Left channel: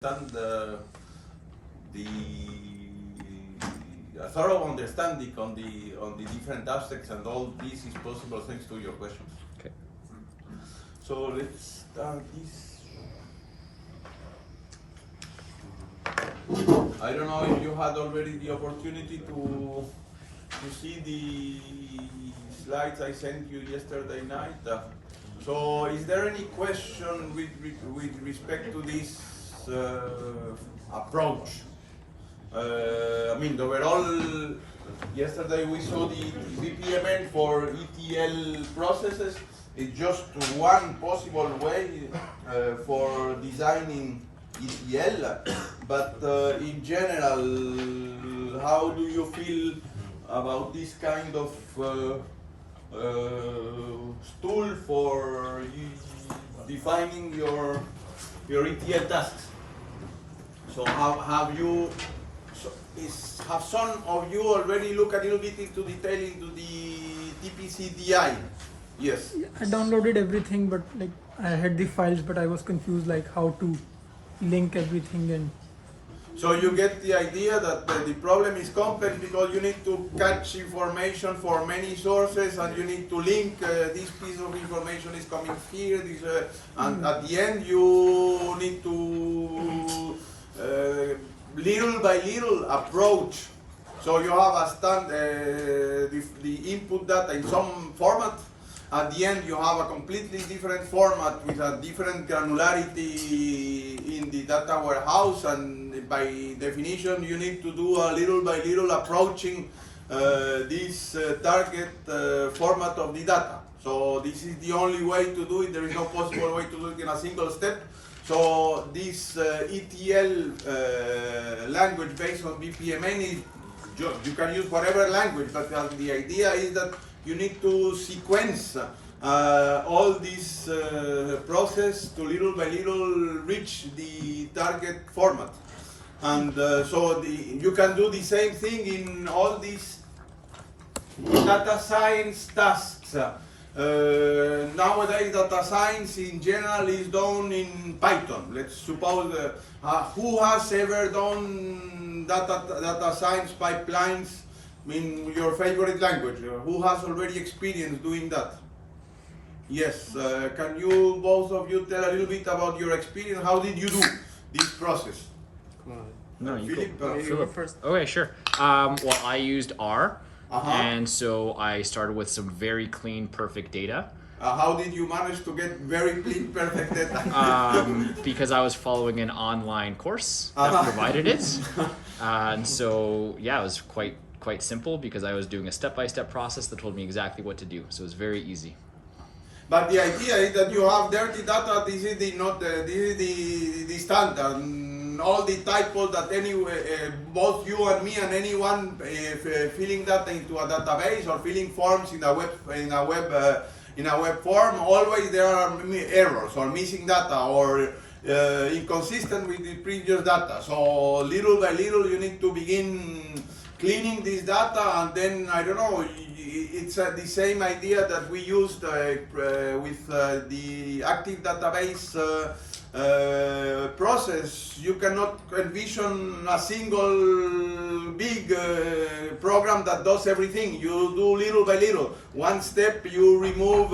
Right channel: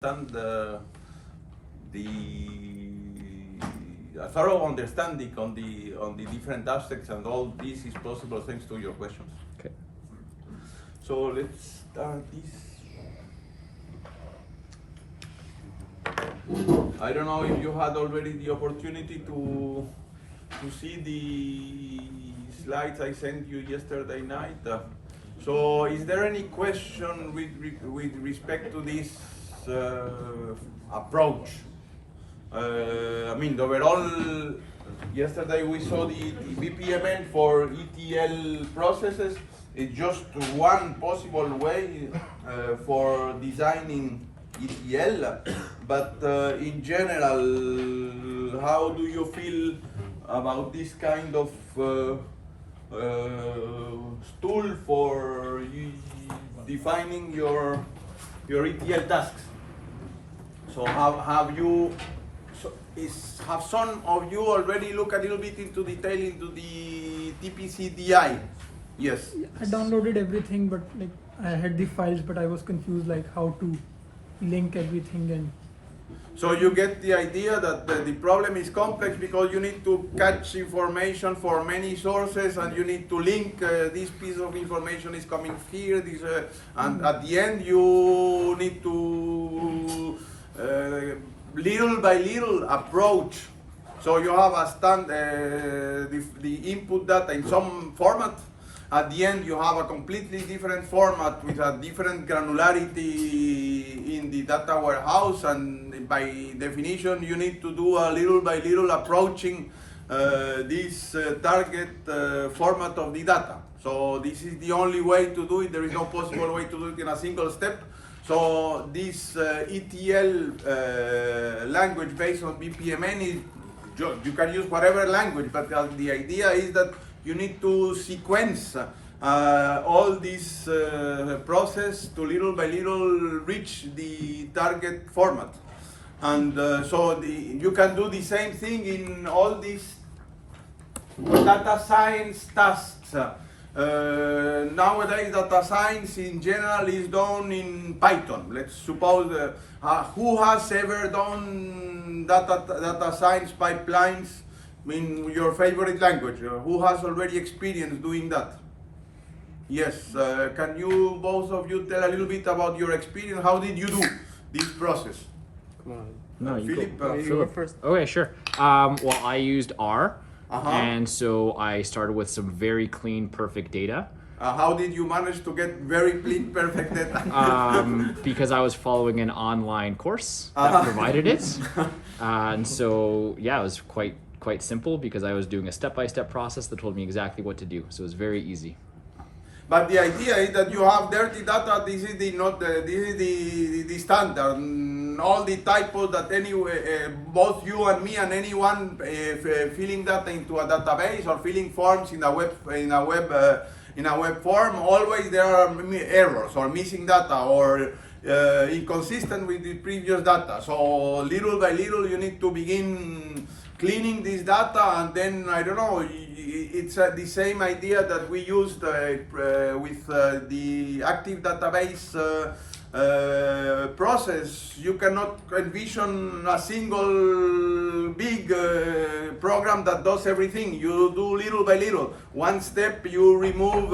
understand the a thorough understanding on the different aspects, and all this is possible thanks to your questions. Okay. So let's start this. I don't know if you had already the opportunity to see the slides I sent you yesterday night. So is there any question with respect to this approach? I mean, overall, yesterday we saw the BPMN for ETL processes. It's just one possible way for designing ETL, but in general, how do you feel about this kind of tool for defining your ETL tasks? So have you have some of you already looked a little bit into detail into the TPCDI? Yes. I downloaded everything, but like I had the files, but I was confused like how to link everything. And so you get the idea that the problem is complex because you need to catch information for many sources, and you need to link this piece of information is coming here, this, and at the end you need to little by little approach. So you have a the input data in some format. At the end, you have a completely different format with a different granularity in the data warehouse, and by definition, you need to do a little by little approaching this target format of the data. So this is the only way to do it. There is no possible way to do it in a single step. So this ETL language based on BPMN is, you can use whatever language, but the idea is that you need to sequence all this process to little by little reach the target format. And so you can do the same thing in all these data science tasks. Nowadays, data science in general is done in Python. Let's suppose who has ever done data science pipelines in your favorite language? Who has already experienced doing that? Yes. Can you, both of you, tell a little bit about your experience? How did you do this process? No, you Philip, go, you go first. Okay, sure. Well, I used R, Uh-huh. and so I started with some very clean, perfect data. How did you manage to get very clean, perfect data? Because I was following an online course that Uh-huh. provided it, and so yeah, it was quite simple because I was doing a step-by-step process that told me exactly what to do. So it was very easy. But the idea is that you have dirty data. This is the standard. All the typos that both you and me and anyone filling data into a database or filling forms in a web form, always there are errors or missing data or inconsistent with the previous data. So little by little you need to begin cleaning this data, and then I don't know. It's the same idea that we used with the active database process. You cannot envision a single big program that does everything. You do little by little. One step you remove,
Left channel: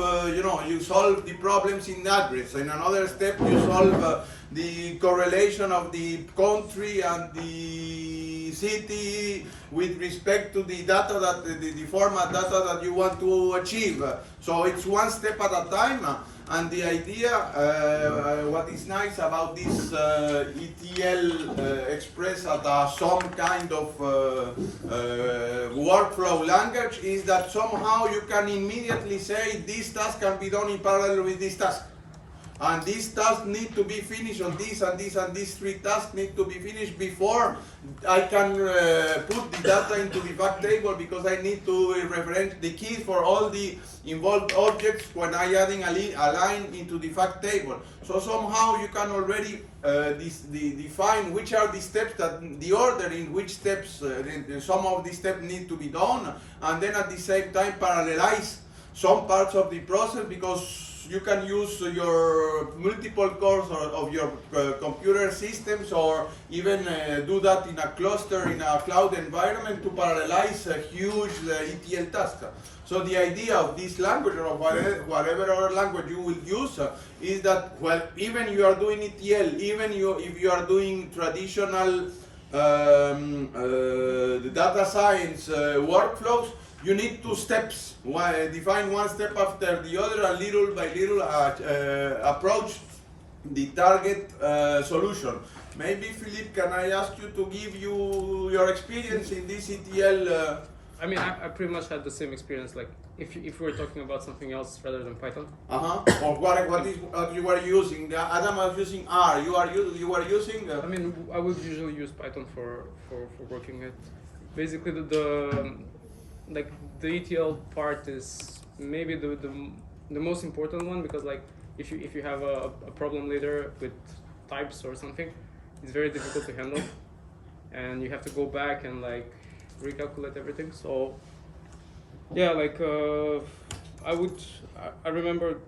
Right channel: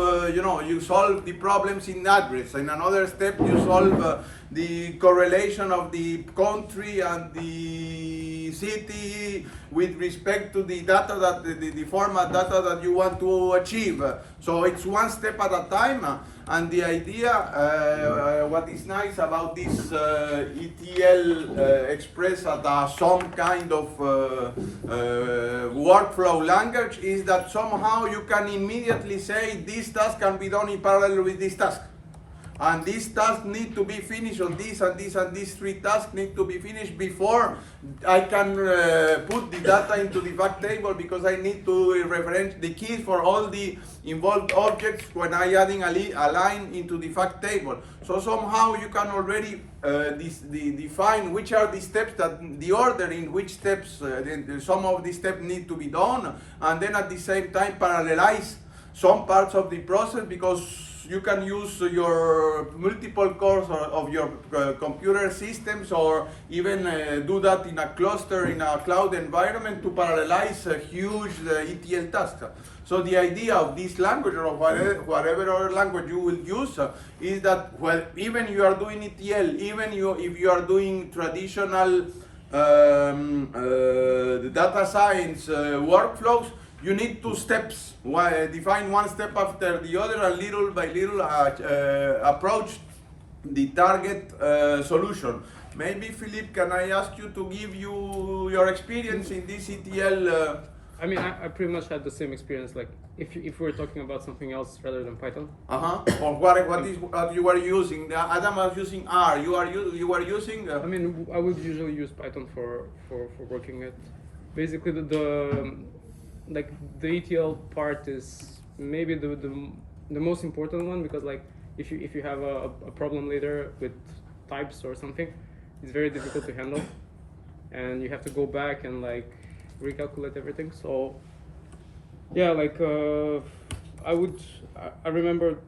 you solve the problems in address. In another step you solve the correlation of the country and the city with respect to the data that the format data that you want to achieve. So it's one step at a time. And the idea, what is nice about this ETL expressed as some kind of workflow language is that somehow you can immediately say this task can be done in parallel with this task. And these tasks need to be finished, or this and this and these three tasks need to be finished before I can put the data into the fact table, because I need to reference the keys for all the involved objects when I adding a line into the fact table. So somehow you can already define which are the steps, that the order in which steps some of these steps need to be done, and then at the same time parallelize some parts of the process, because you can use your multiple cores of your computer systems, or even do that in a cluster in a cloud environment to parallelize a huge ETL task. So the idea of this language, or whatever other language you will use, is that, well, even you are doing ETL, even if you are doing traditional data science workflows, you need two steps. Define one step after the other, and little by little approach the target solution. Maybe Philippe, can I ask you to give you your experience in this ETL? I mean, I pretty much had the same experience. Like, if we're talking about something else rather than Python. Or what you were using? Adam was using R. You were using. I mean, I would usually use Python for working it. Basically, the ETL part is maybe the most important one, because like if you have a problem later with types or something, it's very difficult to handle, and you have to go back and like recalculate everything. So yeah, like I remember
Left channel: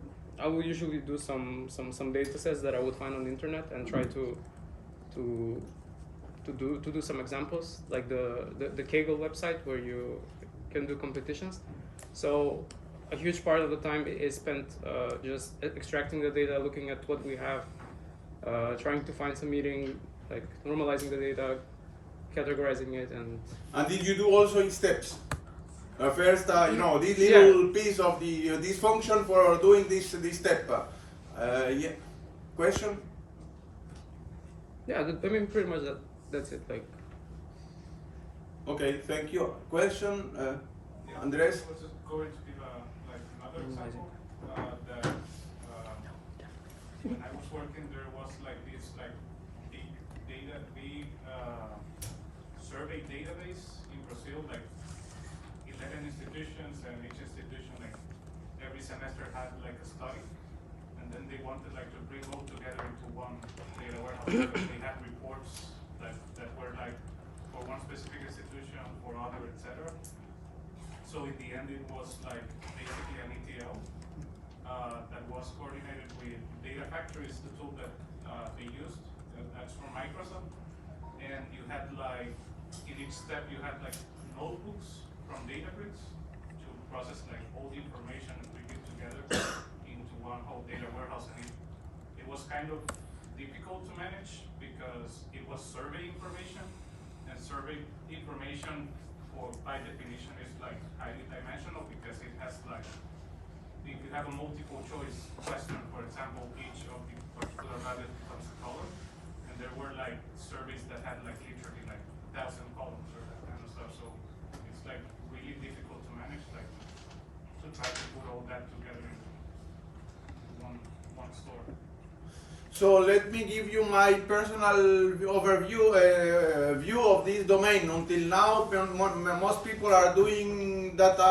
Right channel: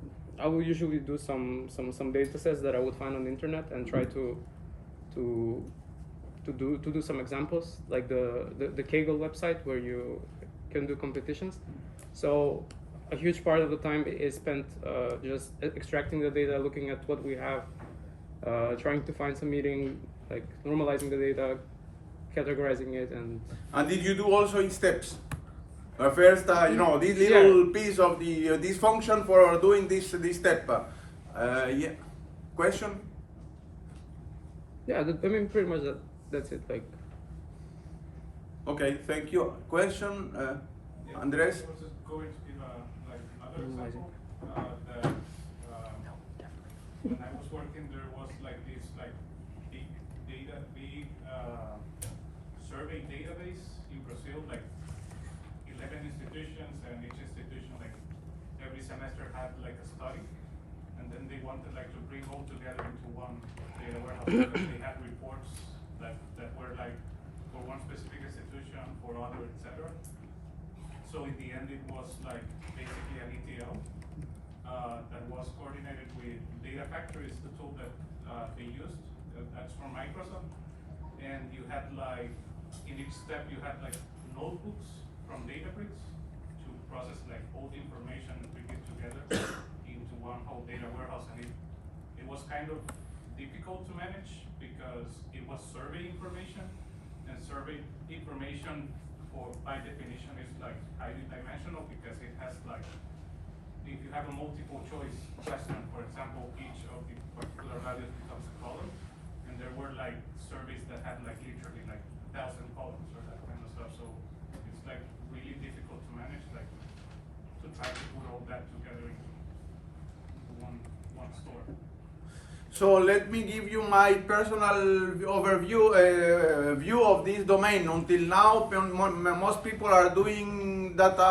I would usually do some data sets that I would find on the internet and try to do some examples, like the Kaggle website where you can do competitions. So a huge part of the time is spent just extracting the data, looking at what we have, trying to find some meaning, like normalizing the data, categorizing it, And did you do also in steps? First, this little piece of the this function for doing this step. Yeah. Question? yeah, I mean pretty much that's it. Like. Okay, thank you. Question, Andres? I was just going to give another example that when I was working, there was this big survey database in Brazil, like 11 institutions, and each institution every semester had a study, and then they wanted to bring all together into one data warehouse. They had reports that were for one specific institution, for other, etc. So in the end, it was basically an ETL that was coordinated with Data Factory, is the tool that they used. That's from Microsoft. And you had in each step you had notebooks from Databricks to process all the information and bring it together into one whole data warehouse. And it was kind of difficult to manage because it was survey information. And survey information, by definition, is highly dimensional, because it has if you have a multiple choice question, for example, each of the particular values becomes a column, and there were surveys that had literally 1,000 columns or that kind of stuff. So it's really difficult to manage, to try to put all that together into one store. So let me give you my personal overview view of this domain. Until now, most people are doing data,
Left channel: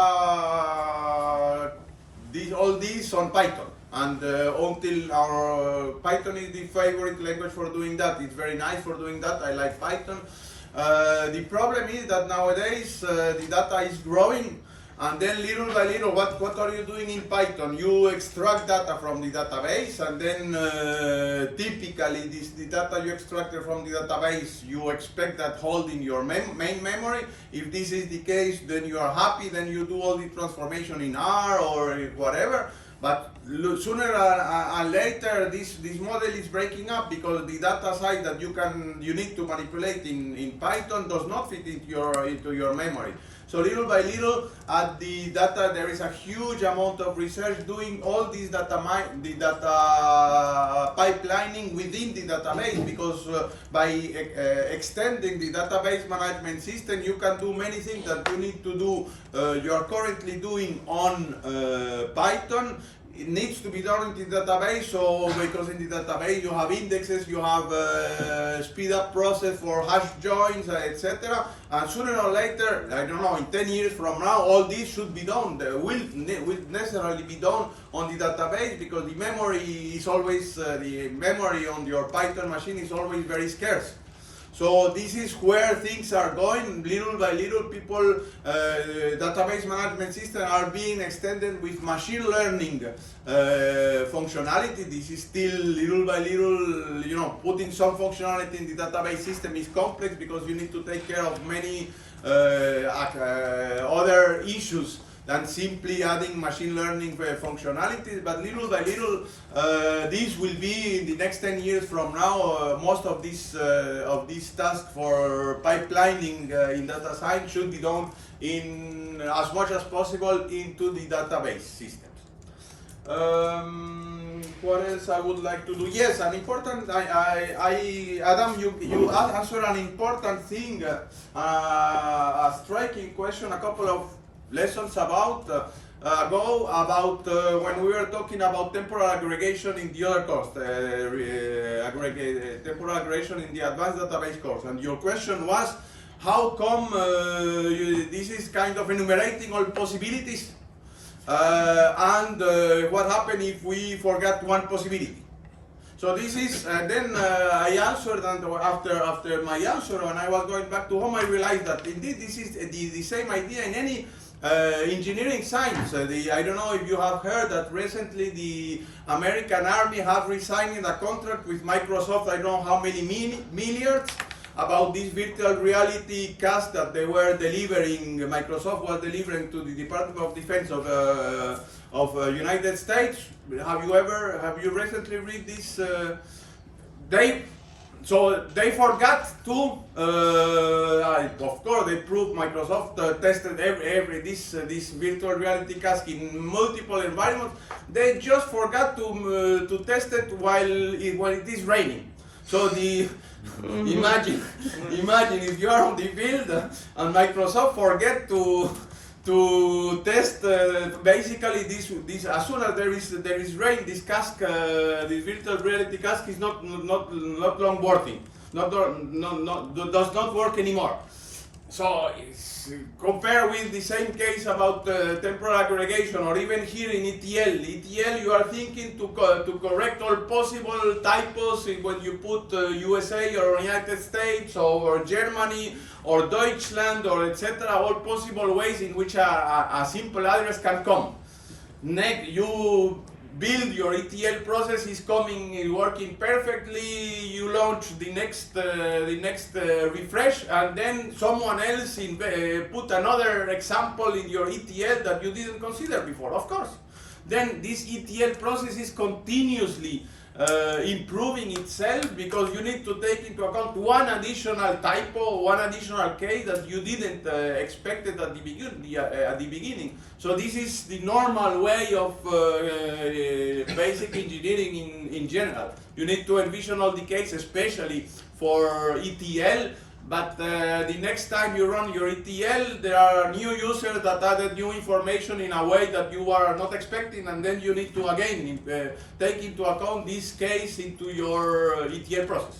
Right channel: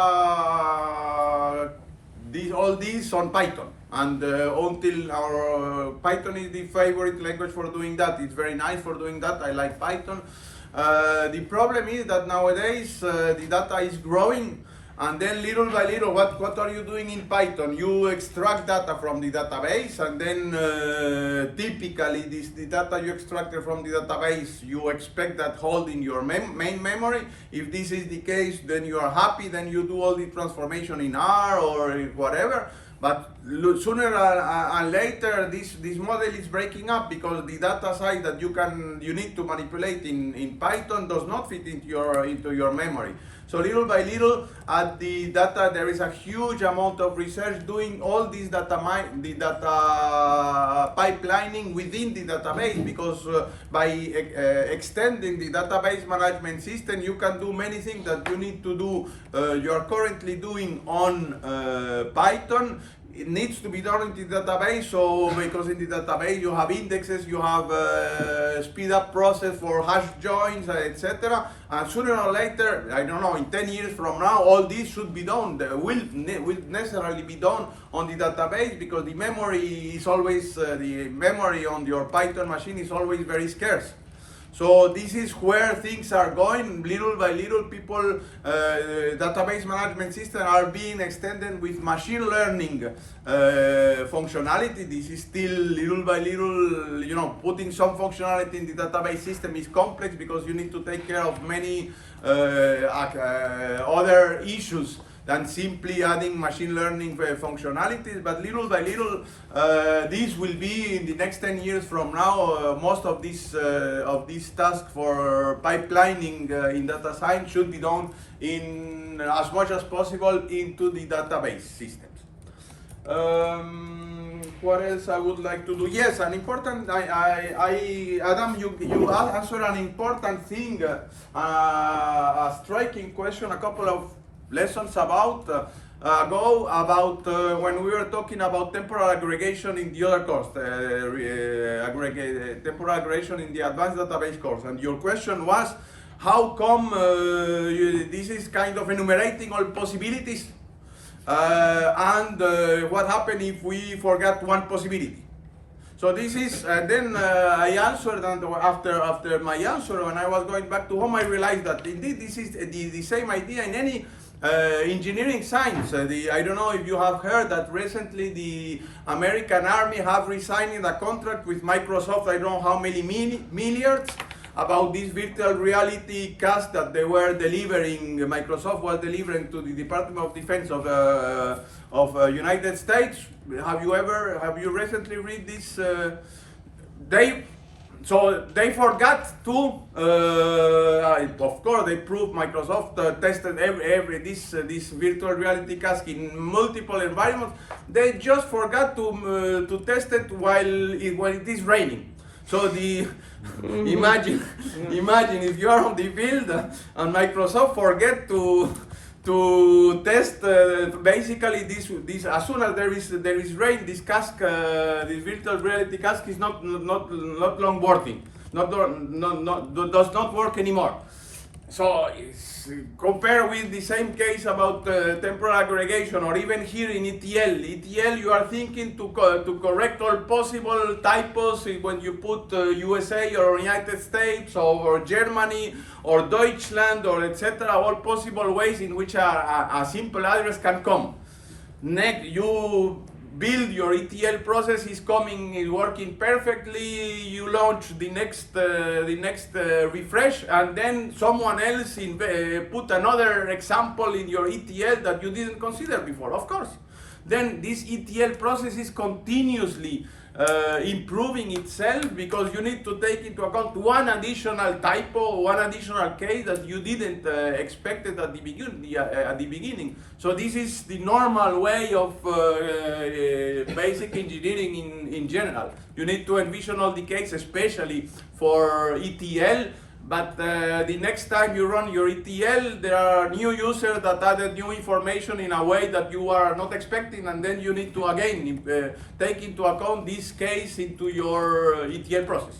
all this on Python, and until our Python is the favorite language for doing that. It's very nice for doing that. I like Python. The problem is that nowadays the data is growing. And then little by little, what are you doing in Python? You extract data from the database, and then typically the data you extracted from the database, you expect that hold in your main memory. If this is the case, then you are happy, then you do all the transformation in R or whatever. But sooner and later, this model is breaking up, because the data side that you need to manipulate in Python does not fit into your memory. So little by little, at the data, there is a huge amount of research doing all this data pipelining within the database, because by extending the database management system, you can do many things that you need to do. You are currently doing on Python. It needs to be done in the database, so because in the database you have indexes, you have speed up process for hash joins, etc. And sooner or later, I don't know, in 10 years from now, all this should be done. Will necessarily be done on the database, because the memory is always the memory on your Python machine is always very scarce. So this is where things are going. Little by little, people, database management systems are being extended with machine learning functionality. This is still little by little, putting some functionality in the database system is complex because you need to take care of many other issues than simply adding machine learning functionalities. But little by little, this will be in the next 10 years from now. Most of these tasks for pipelining in data science should be done in as much as possible into the database systems. What else I would like to do? Yes, an important. Adam, you answered an important thing, a striking question. A couple of lessons ago about when we were talking about temporal aggregation in the other course, temporal aggregation in the advanced database course, and your question was, how come this is kind of enumerating all possibilities, and what happens if we forget one possibility? So this is, then I answered, and after my answer, when I was going back to home, I realized that indeed this is the same idea in any engineering science. I don't know if you have heard that recently the American Army have resigned a contract with Microsoft, I don't know how many milliards, about this virtual reality cast that they were delivering, Microsoft was delivering to the Department of Defense of United States. Have you recently read this? So they forgot to, of course, they proved Microsoft tested this virtual reality cask in multiple environments. They just forgot to test it when it is raining. So imagine if you're on the field and Microsoft forget to test basically this as soon as there is rain, this cask, this virtual reality cask is not long working, does not work anymore. So compare with the same case about temporal aggregation, or even here in ETL. ETL, you are thinking to correct all possible typos when you put USA or United States or Germany or Deutschland or etc. All possible ways in which a simple address can come. Next, you build your ETL process, is working perfectly. You launch the next refresh, and then someone else put another example in your ETL that you didn't consider before. Of course, then this ETL process is continuously improving itself, because you need to take into account one additional typo, one additional case that you didn't expected at the beginning. So this is the normal way of basic engineering in general. You need to envision all the cases, especially for ETL. But the next time you run your ETL, there are new users that added new information in a way that you are not expecting, and then you need to again take into account this case into your ETL process.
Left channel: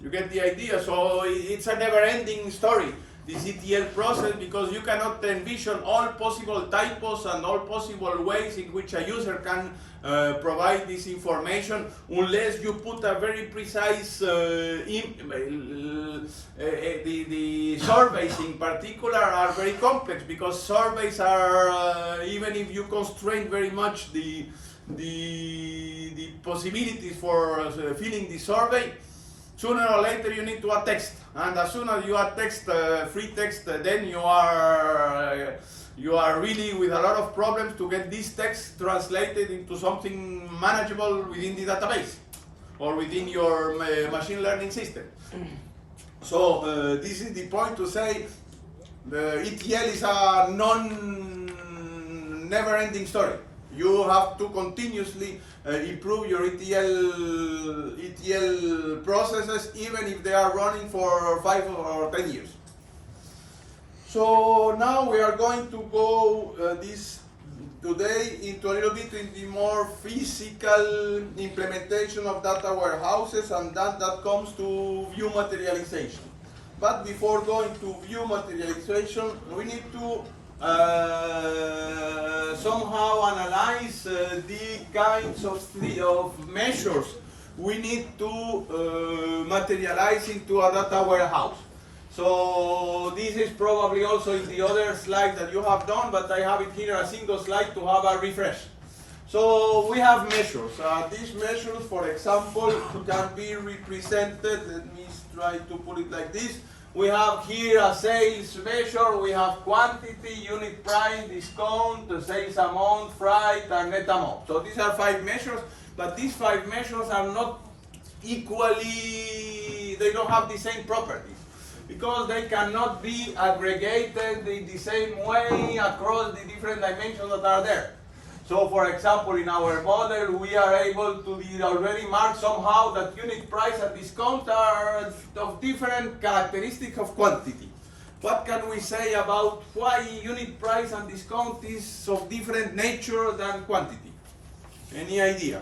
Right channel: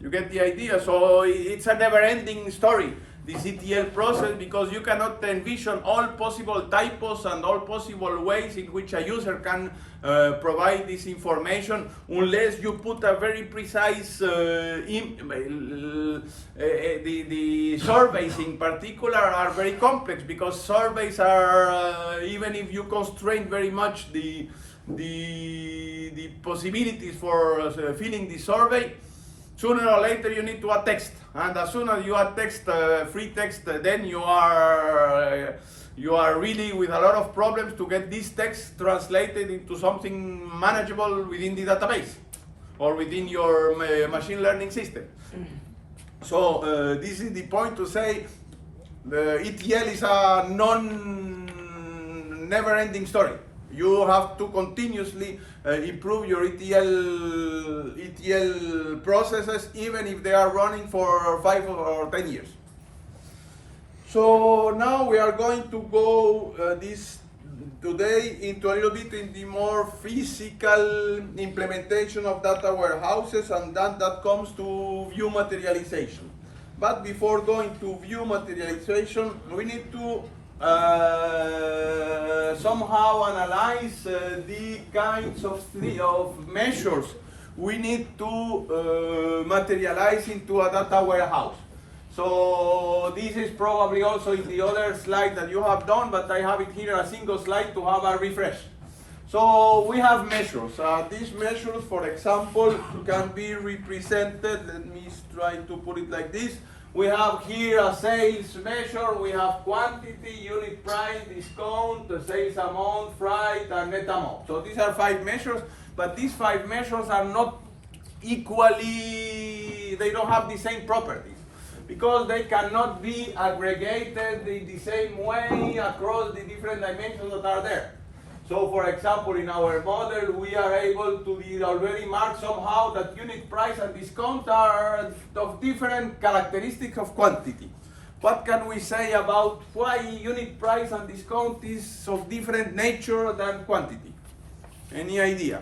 You get the idea? So it's a never-ending story, this ETL process, because you cannot envision all possible typos and all possible ways in which a user can provide this information, unless you put a very precise, the surveys in particular are very complex, because surveys are, even if you constrain very much the possibilities for filling the survey, sooner or later you need to add text, and as soon as you add text, free text, then you are really with a lot of problems to get this text translated into something manageable within the database or within your machine learning system. So this is the point to say the ETL is a never-ending story. You have to continuously improve your ETL processes, even if they are running for 5 or 10 years. So now we are going to go today into a little bit in the more physical implementation of data warehouses, and that comes to view materialization. But before going to view materialization, we need to somehow analyze the kinds of measures we need to materialize into a data warehouse. So this is probably also in the other slide that you have done, but I have it here a single slide to have a refresh. So we have measures. These measures, for example, can be represented. Let me try to put it like this. We have here a sales measure. We have quantity, unit price, discount, the sales amount, freight, and net amount. So these are 5 measures, but these 5 measures are not equally, they don't have the same properties, because they cannot be aggregated in the same way across the different dimensions that are there. So for example, in our model, we are able to already mark somehow that unit price and discount are of different characteristics of quantity. What can we say about why unit price and discount is of different nature than quantity? Any idea?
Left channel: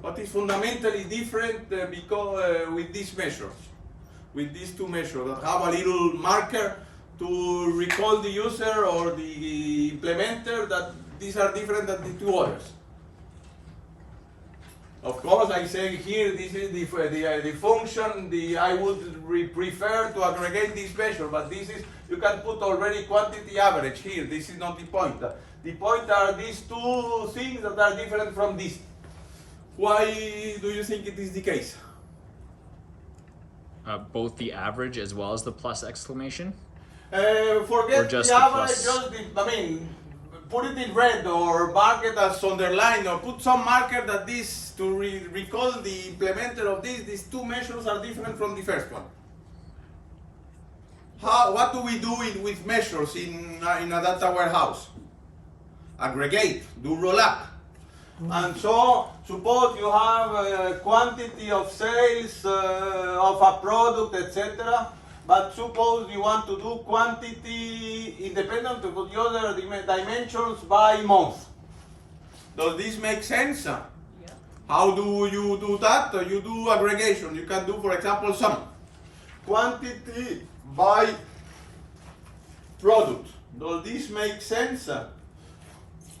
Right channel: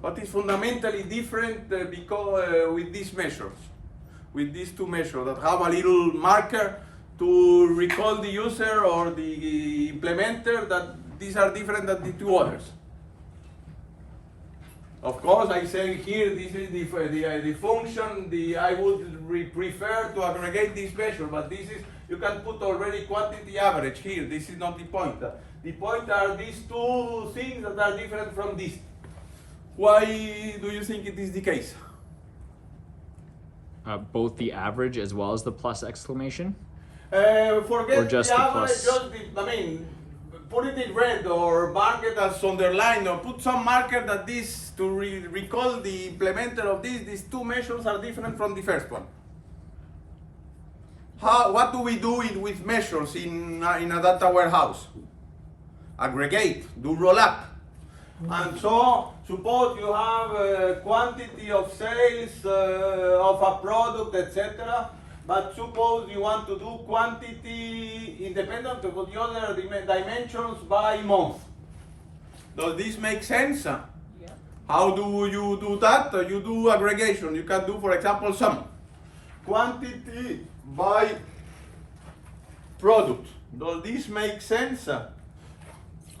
What is fundamentally different because with these measures? With these 2 measures that have a little marker to recall the user or the implementer that these are different than the 2 others. Of course, I say here this is the function. I would prefer to aggregate this measure, but this is, you can put already quantity average here. This is not the point. The point are these 2 things that are different from this. Why do you think it is the case? Both the average as well as the plus exclamation. Forget Or just the the average, plus? just put it in red or mark it as underlined, or put some marker that this to recall the implementer of this. These 2 measures are different from the first one. What do we do with measures in a data warehouse? Aggregate, do roll up. And so, suppose you have a quantity of sales of a product, etc. But suppose you want to do quantity independent of the other dimensions by month. Does this make sense? Yeah. How do you do that? You do aggregation. You can do, for example, sum. Quantity by product. Does this make sense?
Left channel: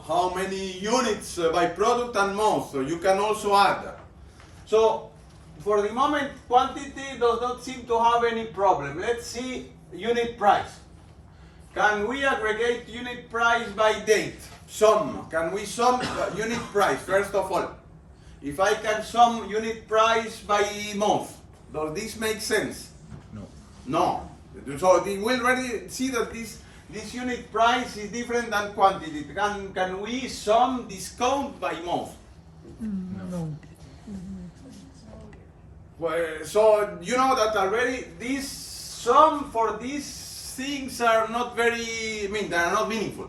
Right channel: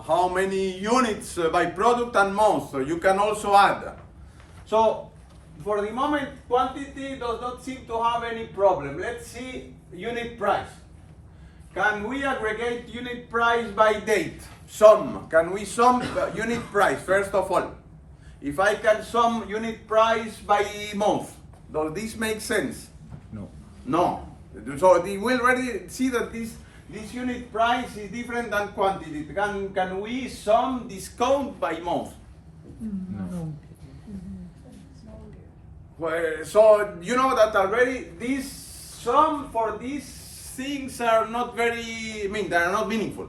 How many units by product and month? You can also add. So, for the moment, quantity does not seem to have any problem. Let's see unit price. Can we aggregate unit price by date? Sum. Can we sum unit price, first of all? If I can sum unit price by month, does this make sense? No. No. So we will already see that this unit price is different than quantity. Can we sum discount by month? No. Well, so you know that already this sum for these things are not very, they are not meaningful.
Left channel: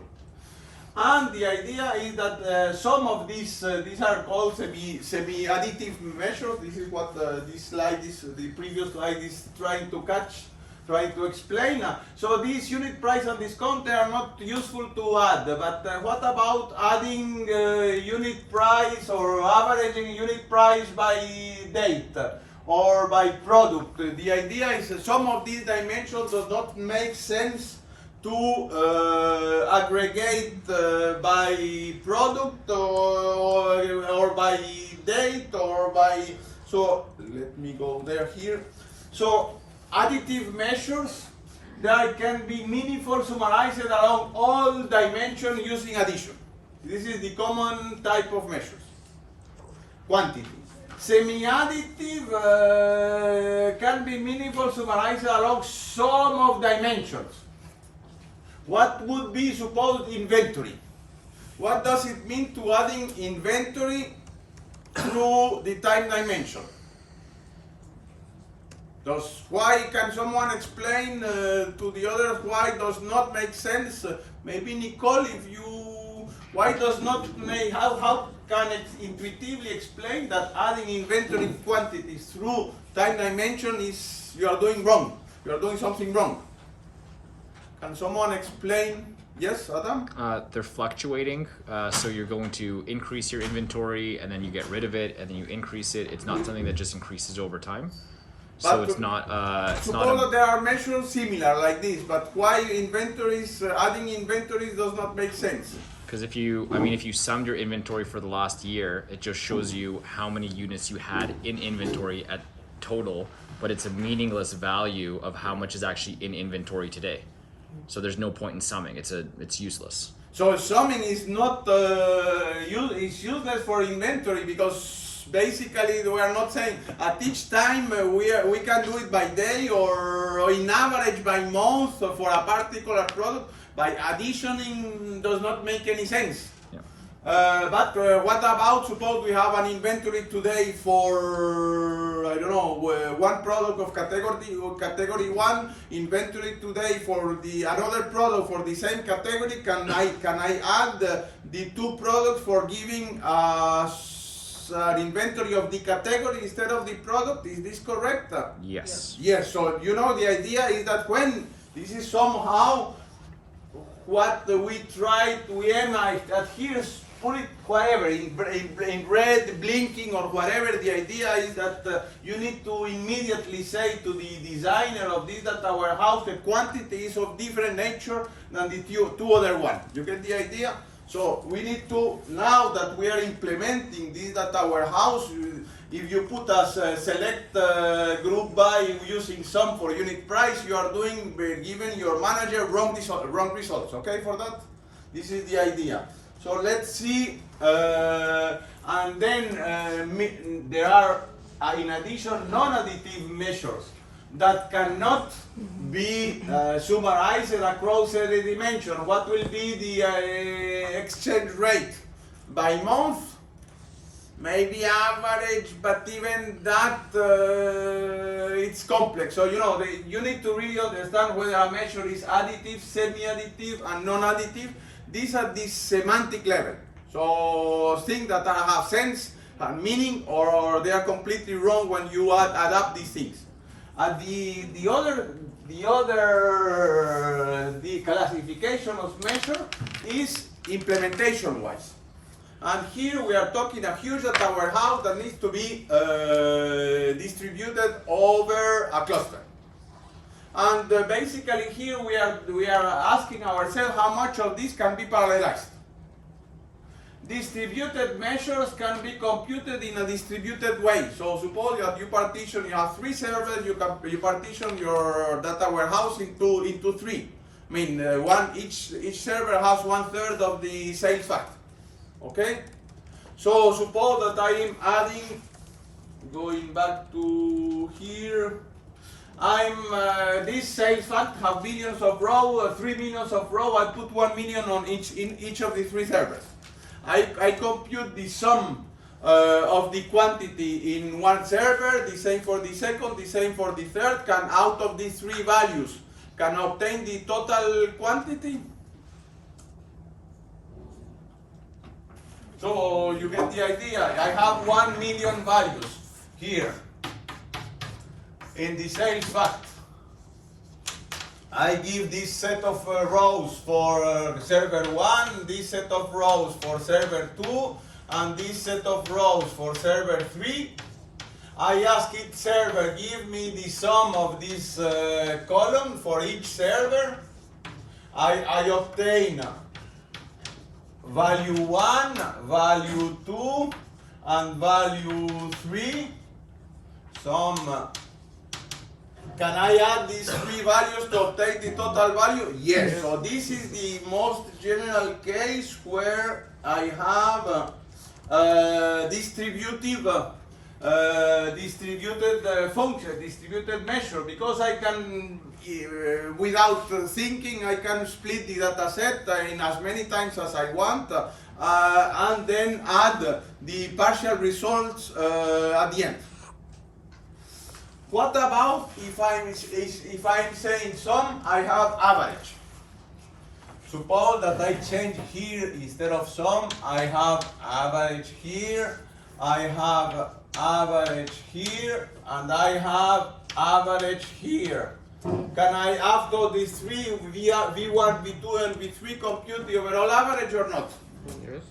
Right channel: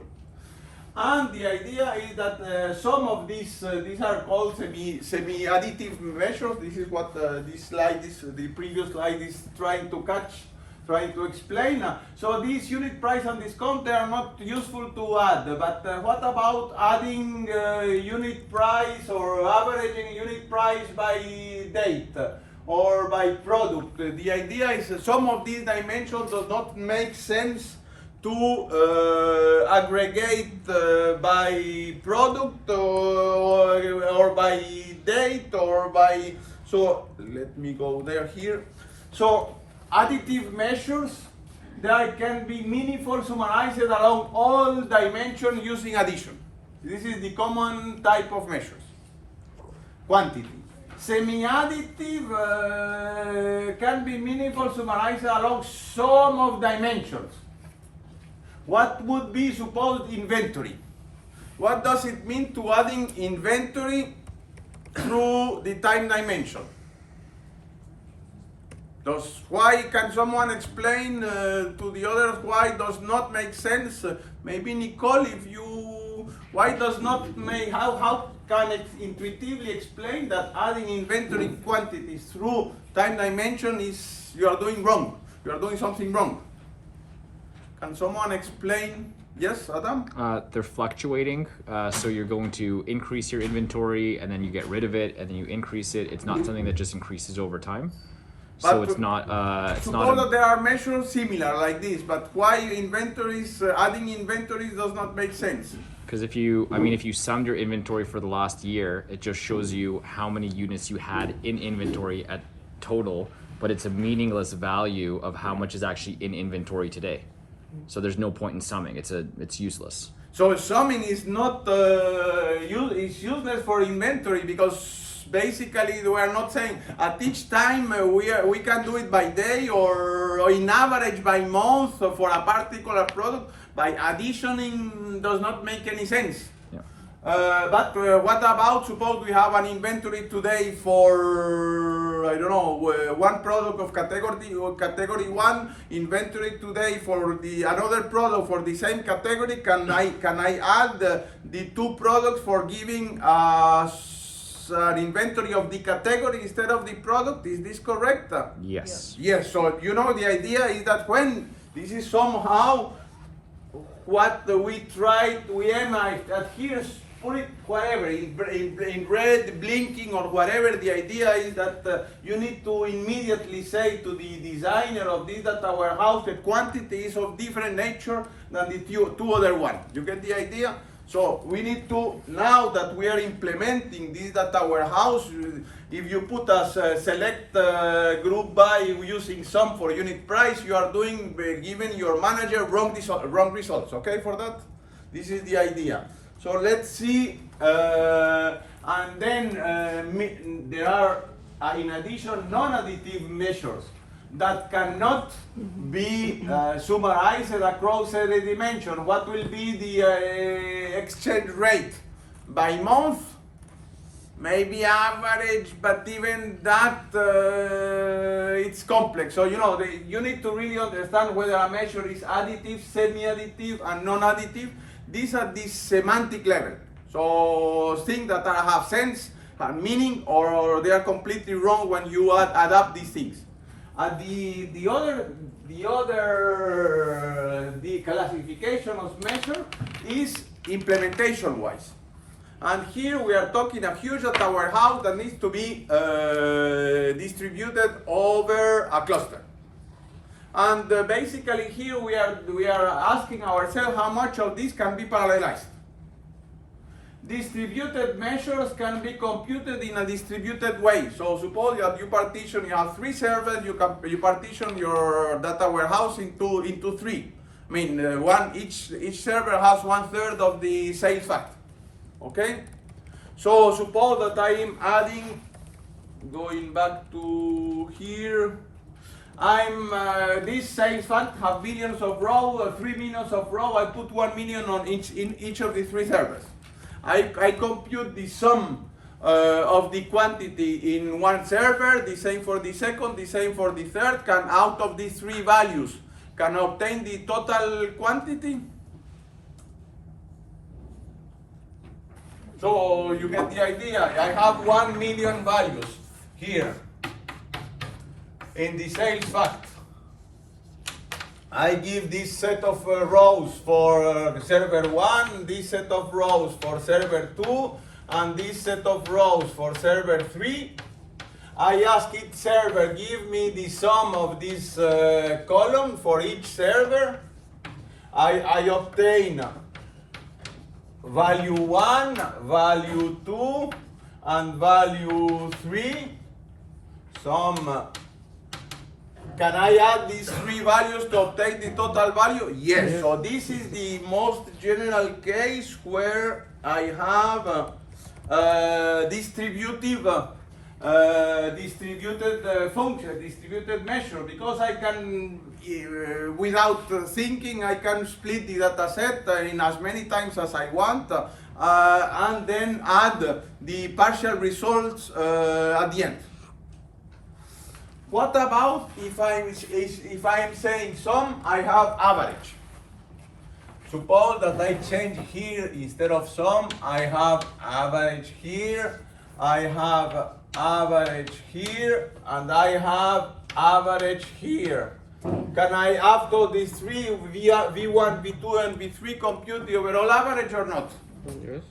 And the idea is that some of these are called semi-additive measures. This is what this slide, the previous slide is trying to explain. So these unit price and discount, they are not useful to add. But what about adding unit price or averaging unit price by date or by product? The idea is some of these dimensions does not make sense to aggregate by product or by date or by, so let me go there here. So additive measures, they can be meaningful summarized along all dimensions using addition. This is the common type of measures. Quantity. Semi-additive can be meaningful summarized along some of dimensions. What would be supposed inventory? What does it mean to adding inventory through the time dimension? Why can someone explain to the others why it does not make sense? Maybe Nicole, why does not make, how can it intuitively explain that adding inventory quantities through time dimension is, you are doing wrong, you are doing something wrong? Can someone explain? Yes, Adam? They're fluctuating, so you're going to increase your inventory and then you get rid of it and then you increase it. It's not something that just increases over time. So But it's not. Suppose that there are measures similar like this, but why inventories, adding inventories does not make sense? Because if you summed your inventory for the last year, it just shows you how many units you had in inventory at total, but it's a meaningless value of how much is actually in inventory today. So there's no point in summing. It's useless. So summing is not is useless for inventory because basically we are not saying at each time we can do it by day or in average by month for a particular product. By additioning does not make any sense. Yeah. But what about suppose we have an inventory today for I don't know one product of category 1 inventory today for the another product for the same category. Can I add the two products for giving us an inventory of the category instead of the product? Is this correct? Yes. Yes. So you know the idea is that when this is somehow what we aim at here, put it whatever, in red, blinking or whatever. The idea is that you need to immediately say to the designer of this data warehouse the quantity is of different nature than the two other ones. You get the idea? So we need to, now that we are implementing this data warehouse, if you put as select group by using sum for unit price, you are doing giving your manager wrong results. Okay, for that, this is the idea. So let's see, and then there are in addition non-additive measures that cannot be summarized across every dimension. What will be the exchange rate by month? Maybe average, but even that it's complex. So you know you need to really understand whether a measure is additive, semi-additive, and non-additive. These are the semantic level. So things that have sense and meaning, or they are completely wrong when you add up these things. The classification of measure is implementation wise. And here we are talking a huge data warehouse that needs to be distributed over a cluster. And basically here we are asking ourselves how much of this can be parallelized. Distributed measures can be computed in a distributed way. So suppose that you have 3 servers, you partition your data warehouse into 3. I mean, each server has 1/3 of the sales fact. Okay? So suppose that I am adding, going back to here, this sales fact have billions of rows, 3 millions of rows. I put 1 million on in each of the 3 servers. I compute the sum of the quantity in one server, the same for the second, the same for the third. Can out of these 3 values can obtain the total quantity. So you get the idea. I have 1 million values here in the sales fact. I give this set of rows for server 1, this set of rows for server 2, and this set of rows for server 3. I ask each server, give me the sum of this column for each server. I obtain value 1, value 2, and value 3. Can I add these 3 values to obtain the total value? Yes. So this is the most general case where I have distributed function, distributed measure, because I can, without thinking, I can split the data set in as many times as I want, and then add the partial results at the end. What about if I'm saying sum, I have average? Suppose that I change here, instead of sum, I have average here, I have average here, and I have average here. Can I, after these 3, V1, V2, and V3, compute the overall average or not? Yes.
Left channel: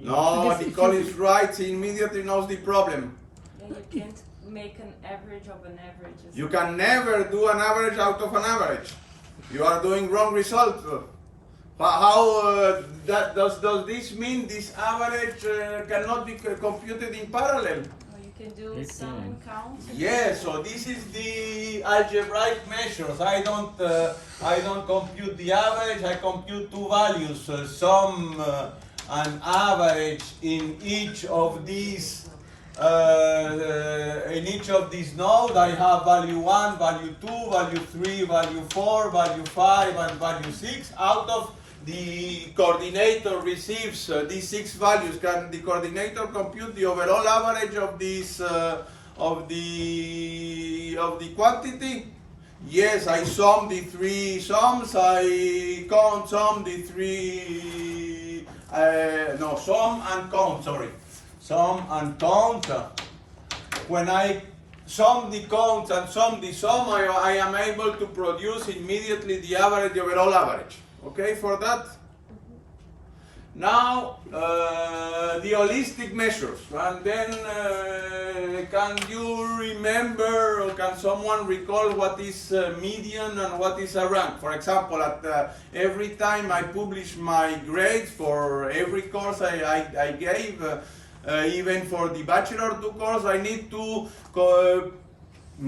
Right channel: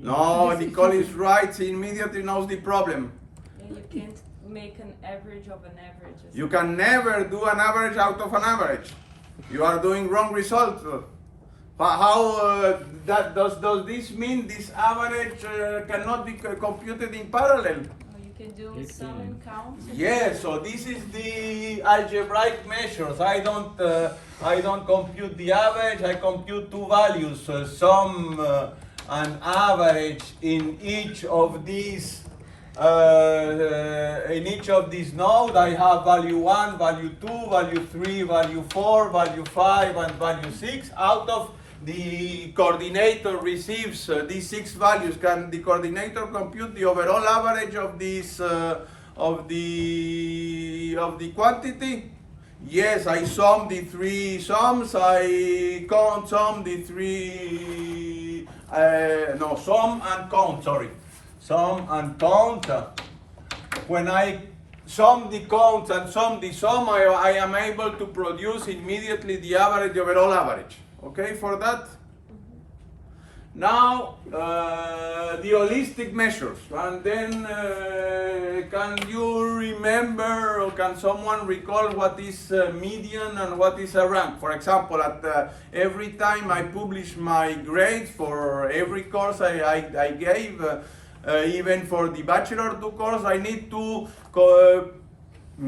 No, Nicole is right, she immediately knows the problem. Yeah, you can't make an average of an average. You can never do an average out of an average. You are doing wrong result. Does this mean this average cannot be computed in parallel? Or you can do sum and count. Yes, so this is the algebraic measures. I don't compute the average, I compute two values, sum and average in each of these nodes. I have value 1, value 2, value 3, value 4, value 5, and value 6. Out of the coordinator receives these 6 values. Can the coordinator compute the overall average of these of the quantity? Yes, I sum the 3 sums. I sum the 3. Sum and count. Sorry, sum and count. When I sum the counts and sum the sum, I am able to produce immediately the average, the overall average. Okay, for that. Now the holistic measures, and then can you remember or can someone recall what is median and what is a rank? For example, at every time I publish my grades for every course I gave, even for the Bachelor 2 course, I need to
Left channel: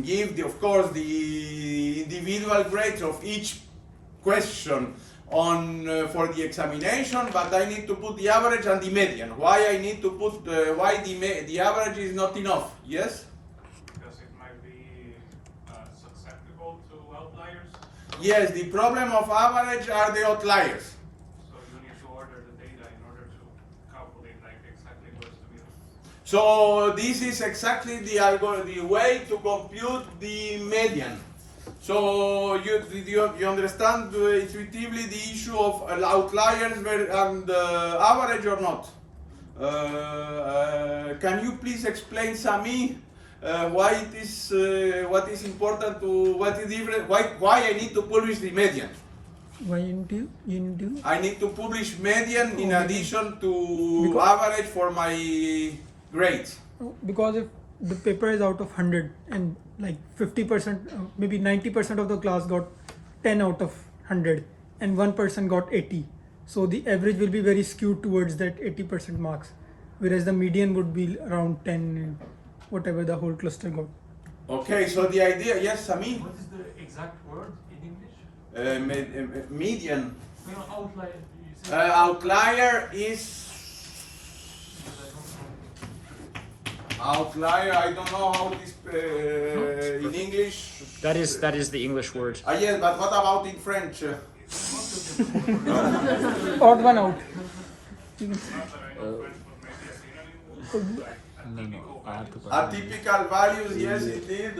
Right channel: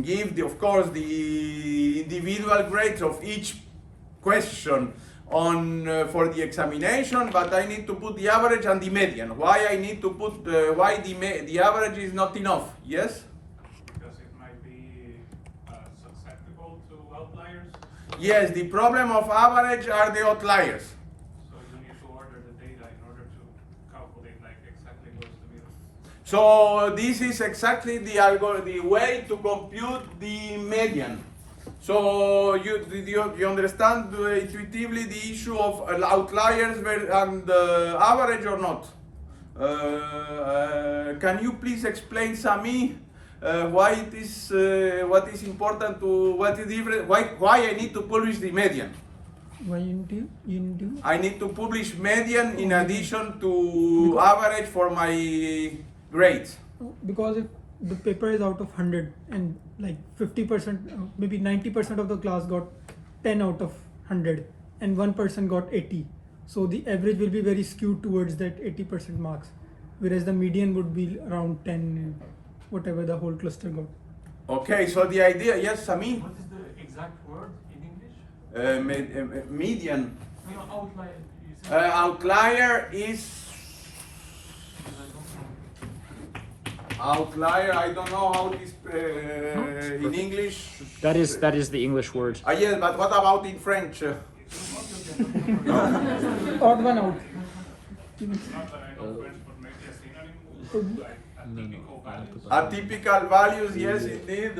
give, of course, the individual grades of each question on for the examination, but I need to put the average and the median. Why I need to put why the average is not enough? Yes. Because it might be susceptible to outliers. Yes. The problem of average are the outliers. So you need to order the data in order to calculate like exactly where's the middle. So this is exactly the way to compute the median. So you understand intuitively the issue of outliers and average or not? Can you please explain, Sami, why it is what is important to what is different? Why I need to publish the median? Why you need to? I need to publish median in addition to average for my grades. Because if the paper is out of 100 and like 50%, maybe 90% of the class got 10 out of 100 and one person got 80. So the average will be very skewed towards that 80% marks, whereas the median would be around 10 and whatever the whole cluster got. Okay, so the idea, yes, Sami? What is the exact word in English? Median. No, outlier. You said Outlier is outlier. I don't know how it is in English. That is the English word. Yes, but what about in French? Odd one out. Not that I know French, but maybe a synonym, like a typical value. Atypical values, yes, indeed.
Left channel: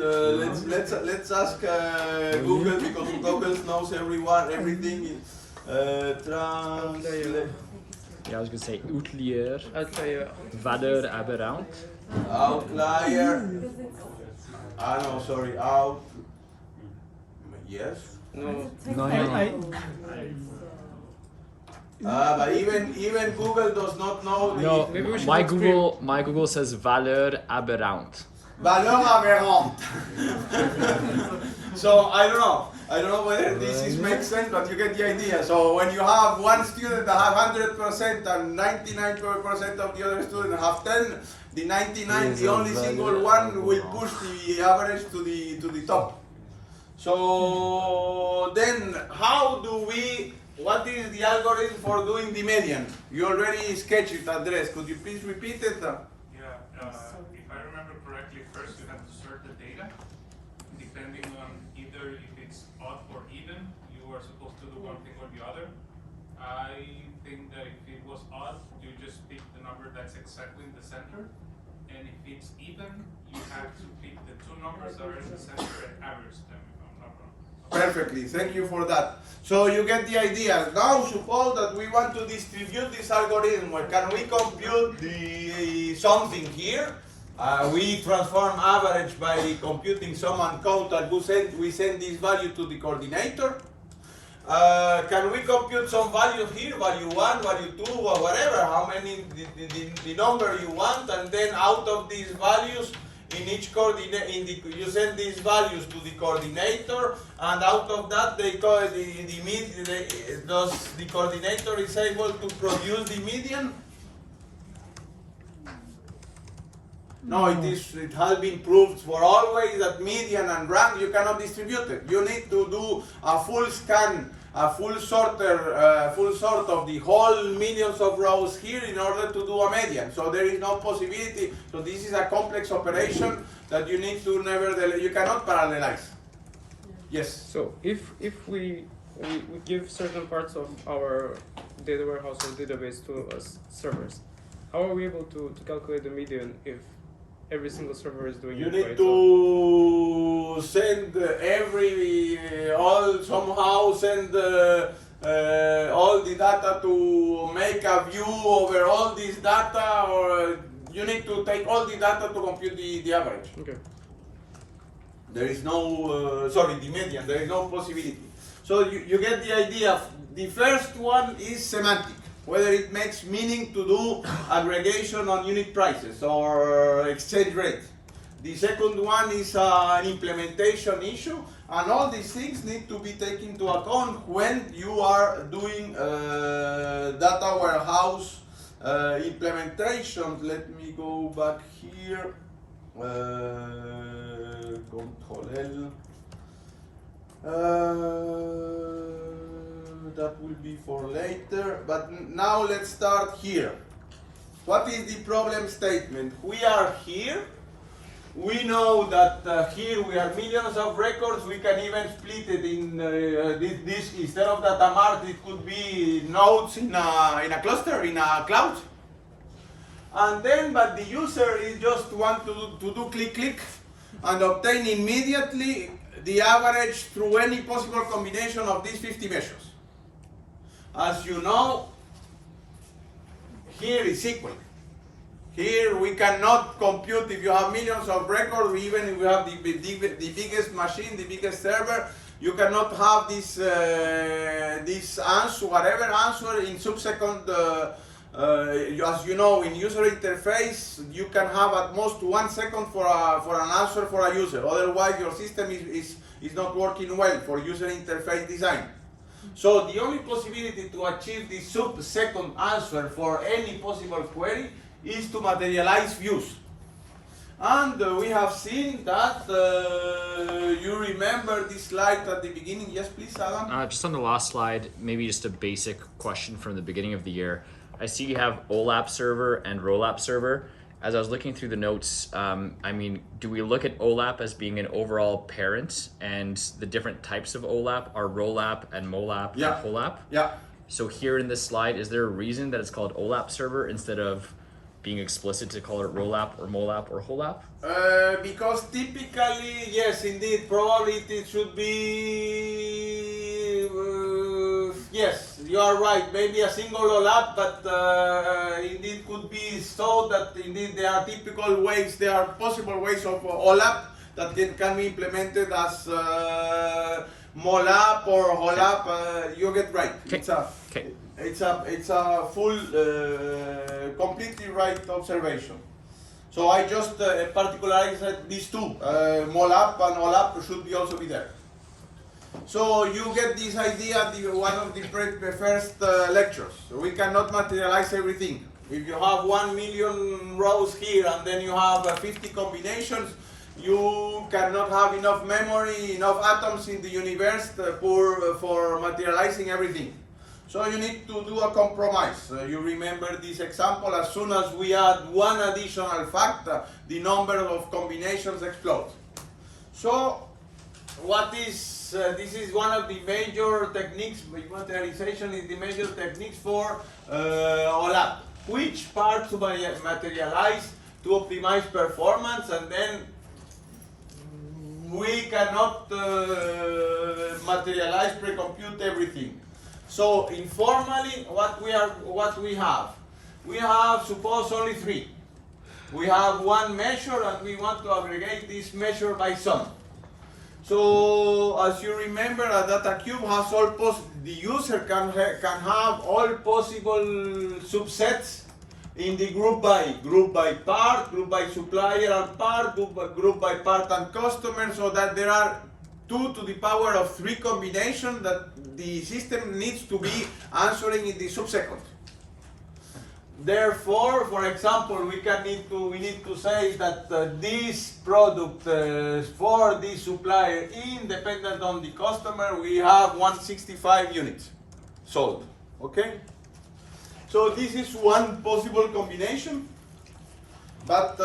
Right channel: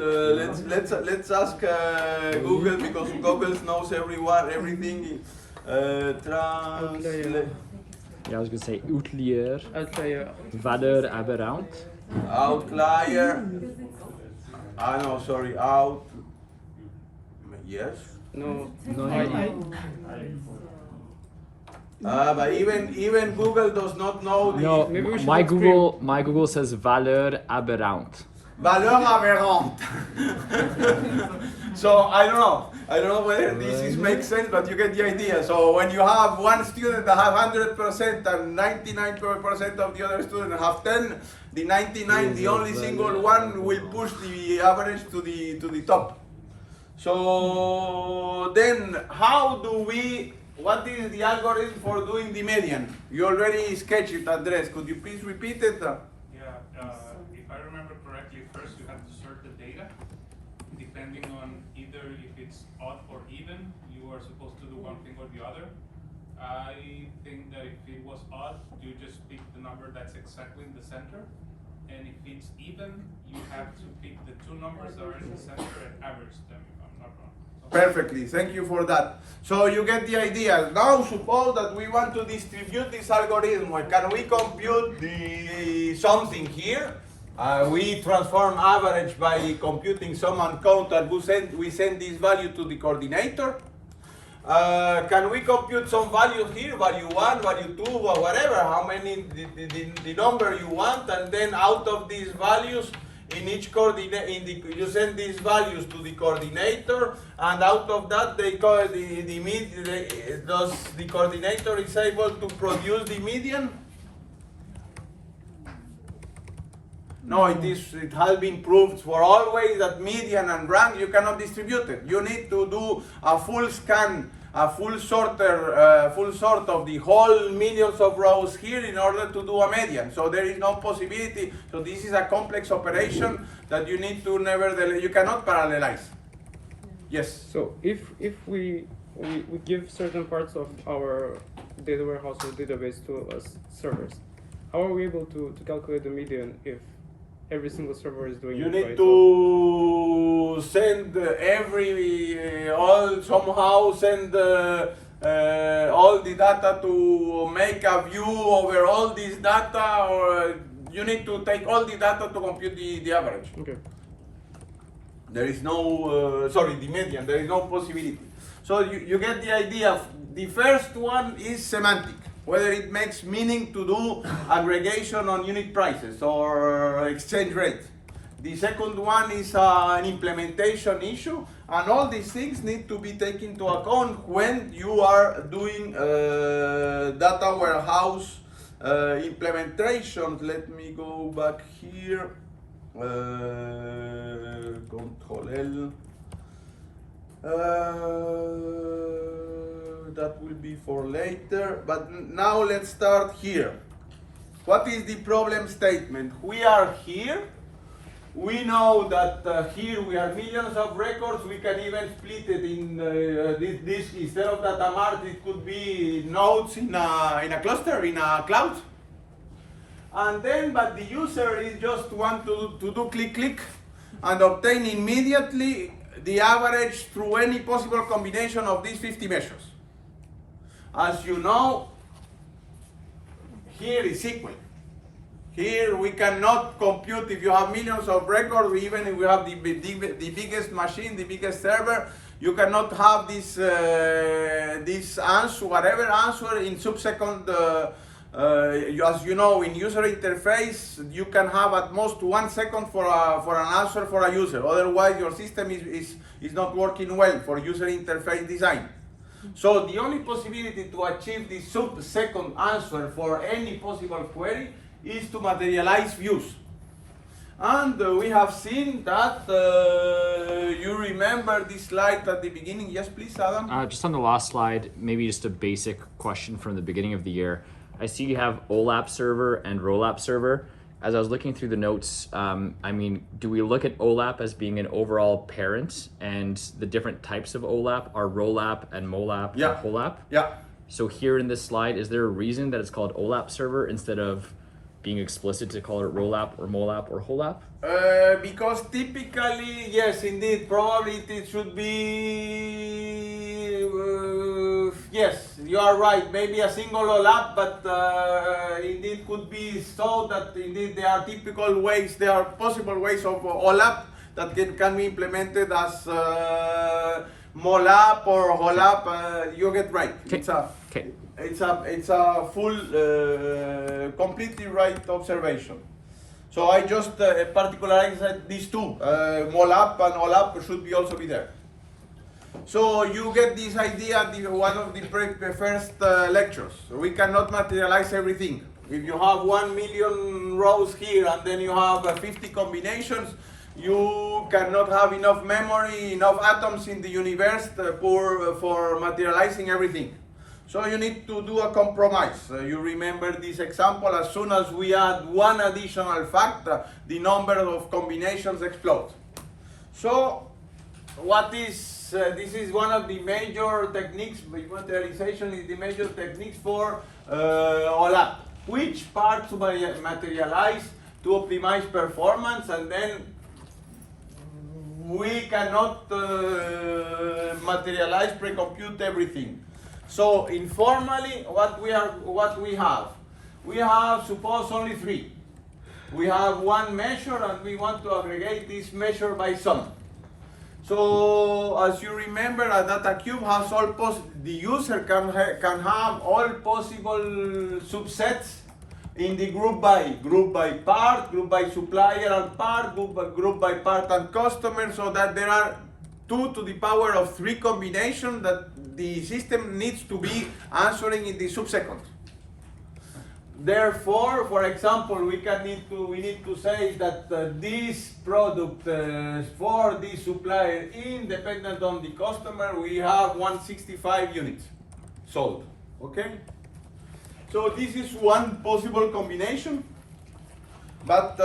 Let's ask Google, because Google knows everything. Yeah, I was gonna say outlier, Outlier. valeur aberrante. Outlier. No, sorry. Yes. No. But even Google does not know the No, Maybe we should my not Google says valeur aberrante. valeur aberrante. So I don't know whether this makes sense, but you get the idea. So when you have one student that have 100% and 99% of the other students have 10, the 99, the only single one will push the average to the top. So then what is the algorithm for doing the median? You already sketched it, Andres. Could you please repeat it? If I remember correctly, first you have to sort the data. Depending on either if it's odd or even, you are supposed to do one thing or the other. I think that if it was odd, you just pick the number that's exactly in the center. And if it's even, you have to pick the two numbers that are in the center and average them, if I'm not wrong. Perfectly, thank you for that. So you get the idea. Now suppose that we want to distribute this algorithm. Can we compute something here? We transform average by computing sum and count, and we send this value to the coordinator. Can we compute some value here, value 1, value 2, or whatever, how many, the number you want, and then out of these values, in each coordinate, you send these values to the coordinator, and out of that the coordinator is able to produce the median? No, it has been proved for always that median and rank you cannot distribute it. You need to do a full scan, a full sort of the whole millions of rows here in order to do a median. So there is no possibility. So this is a complex operation that you need to nevertheless, you cannot parallelize. Yes. So if we give certain parts of our data warehouse or database to us servers, how are we able to calculate the median if every single server is doing You it by need itself? to send somehow send all the data to make a view over all this data, or you need to take all the data to compute the average. Okay. There is no, the median, there is no possibility. So you get the idea. The first one is semantic, whether it makes meaning to do aggregation on unit prices or exchange rate. The second one is an implementation issue, and all these things need to be taken into account when you are doing data warehouse implementations. Let me go back here. Control L. That will be for later, but now let's start here. What is the problem statement? We are here. We know that here we have millions of records. We can even split it in this instead of data mart, it could be nodes in a cluster, in a cloud. And then, but the user is just want to do click click and obtain immediately the average through any possible combination of these 50 measures. As you know, here is SQL. Here we cannot compute if you have millions of records, even if you have the biggest machine, the biggest server, you cannot have this answer, whatever answer in subsequent, as you know, in user interface, you can have at most 1 second for an answer for a user. Otherwise, your system is not working well for user interface design. So the only possibility to achieve the sub-second answer for any possible query is to materialize views. And we have seen that, you remember this slide at the beginning. Yes, please, Adam. Just on the last slide, maybe just a basic question from the beginning of the year. I see you have OLAP server and ROLAP server. As I was looking through the notes, I mean, do we look at OLAP as being an overall parent, and the different types of OLAP are ROLAP and MOLAP Yeah. and HOLAP? Yeah. So here in this slide, is there a reason that it's called OLAP server instead of being explicit to call it ROLAP or MOLAP or HOLAP? Because typically, yes, indeed, probably it should be, yes, you are right, maybe a single OLAP, but indeed could be so that indeed there are typical ways, there are possible ways of OLAP that can be implemented as MOLAP or HOLAP, you get right. Okay. It's a full, completely right observation. So I just particularized these two, MOLAP and OLAP should be also be there. So you get this idea at one of the first lectures. We cannot materialize everything. If you have 1 million rows here and then you have 50 combinations, you cannot have enough memory, enough atoms in the universe for materializing everything. So you need to do a compromise. You remember this example, as soon as we add one additional factor, the number of combinations explodes. So what is, this is one of the major techniques, materialization is the major techniques for OLAP. Which part to materialize to optimize performance, and then we cannot materialize, pre-compute everything. So informally, what we have, suppose only 3. We have one measure and we want to aggregate this measure by sum. So as you remember, a data cube has the user can have all possible subsets in the group by part, group by supplier and part, group by part and customer, so that there are 2 to the power of 3 combinations that the system needs to be answering in the subsequent. Therefore, for example, we need to say that this product for this supplier, independent on the customer, we have 165 units sold. Okay. So this is one possible combination. But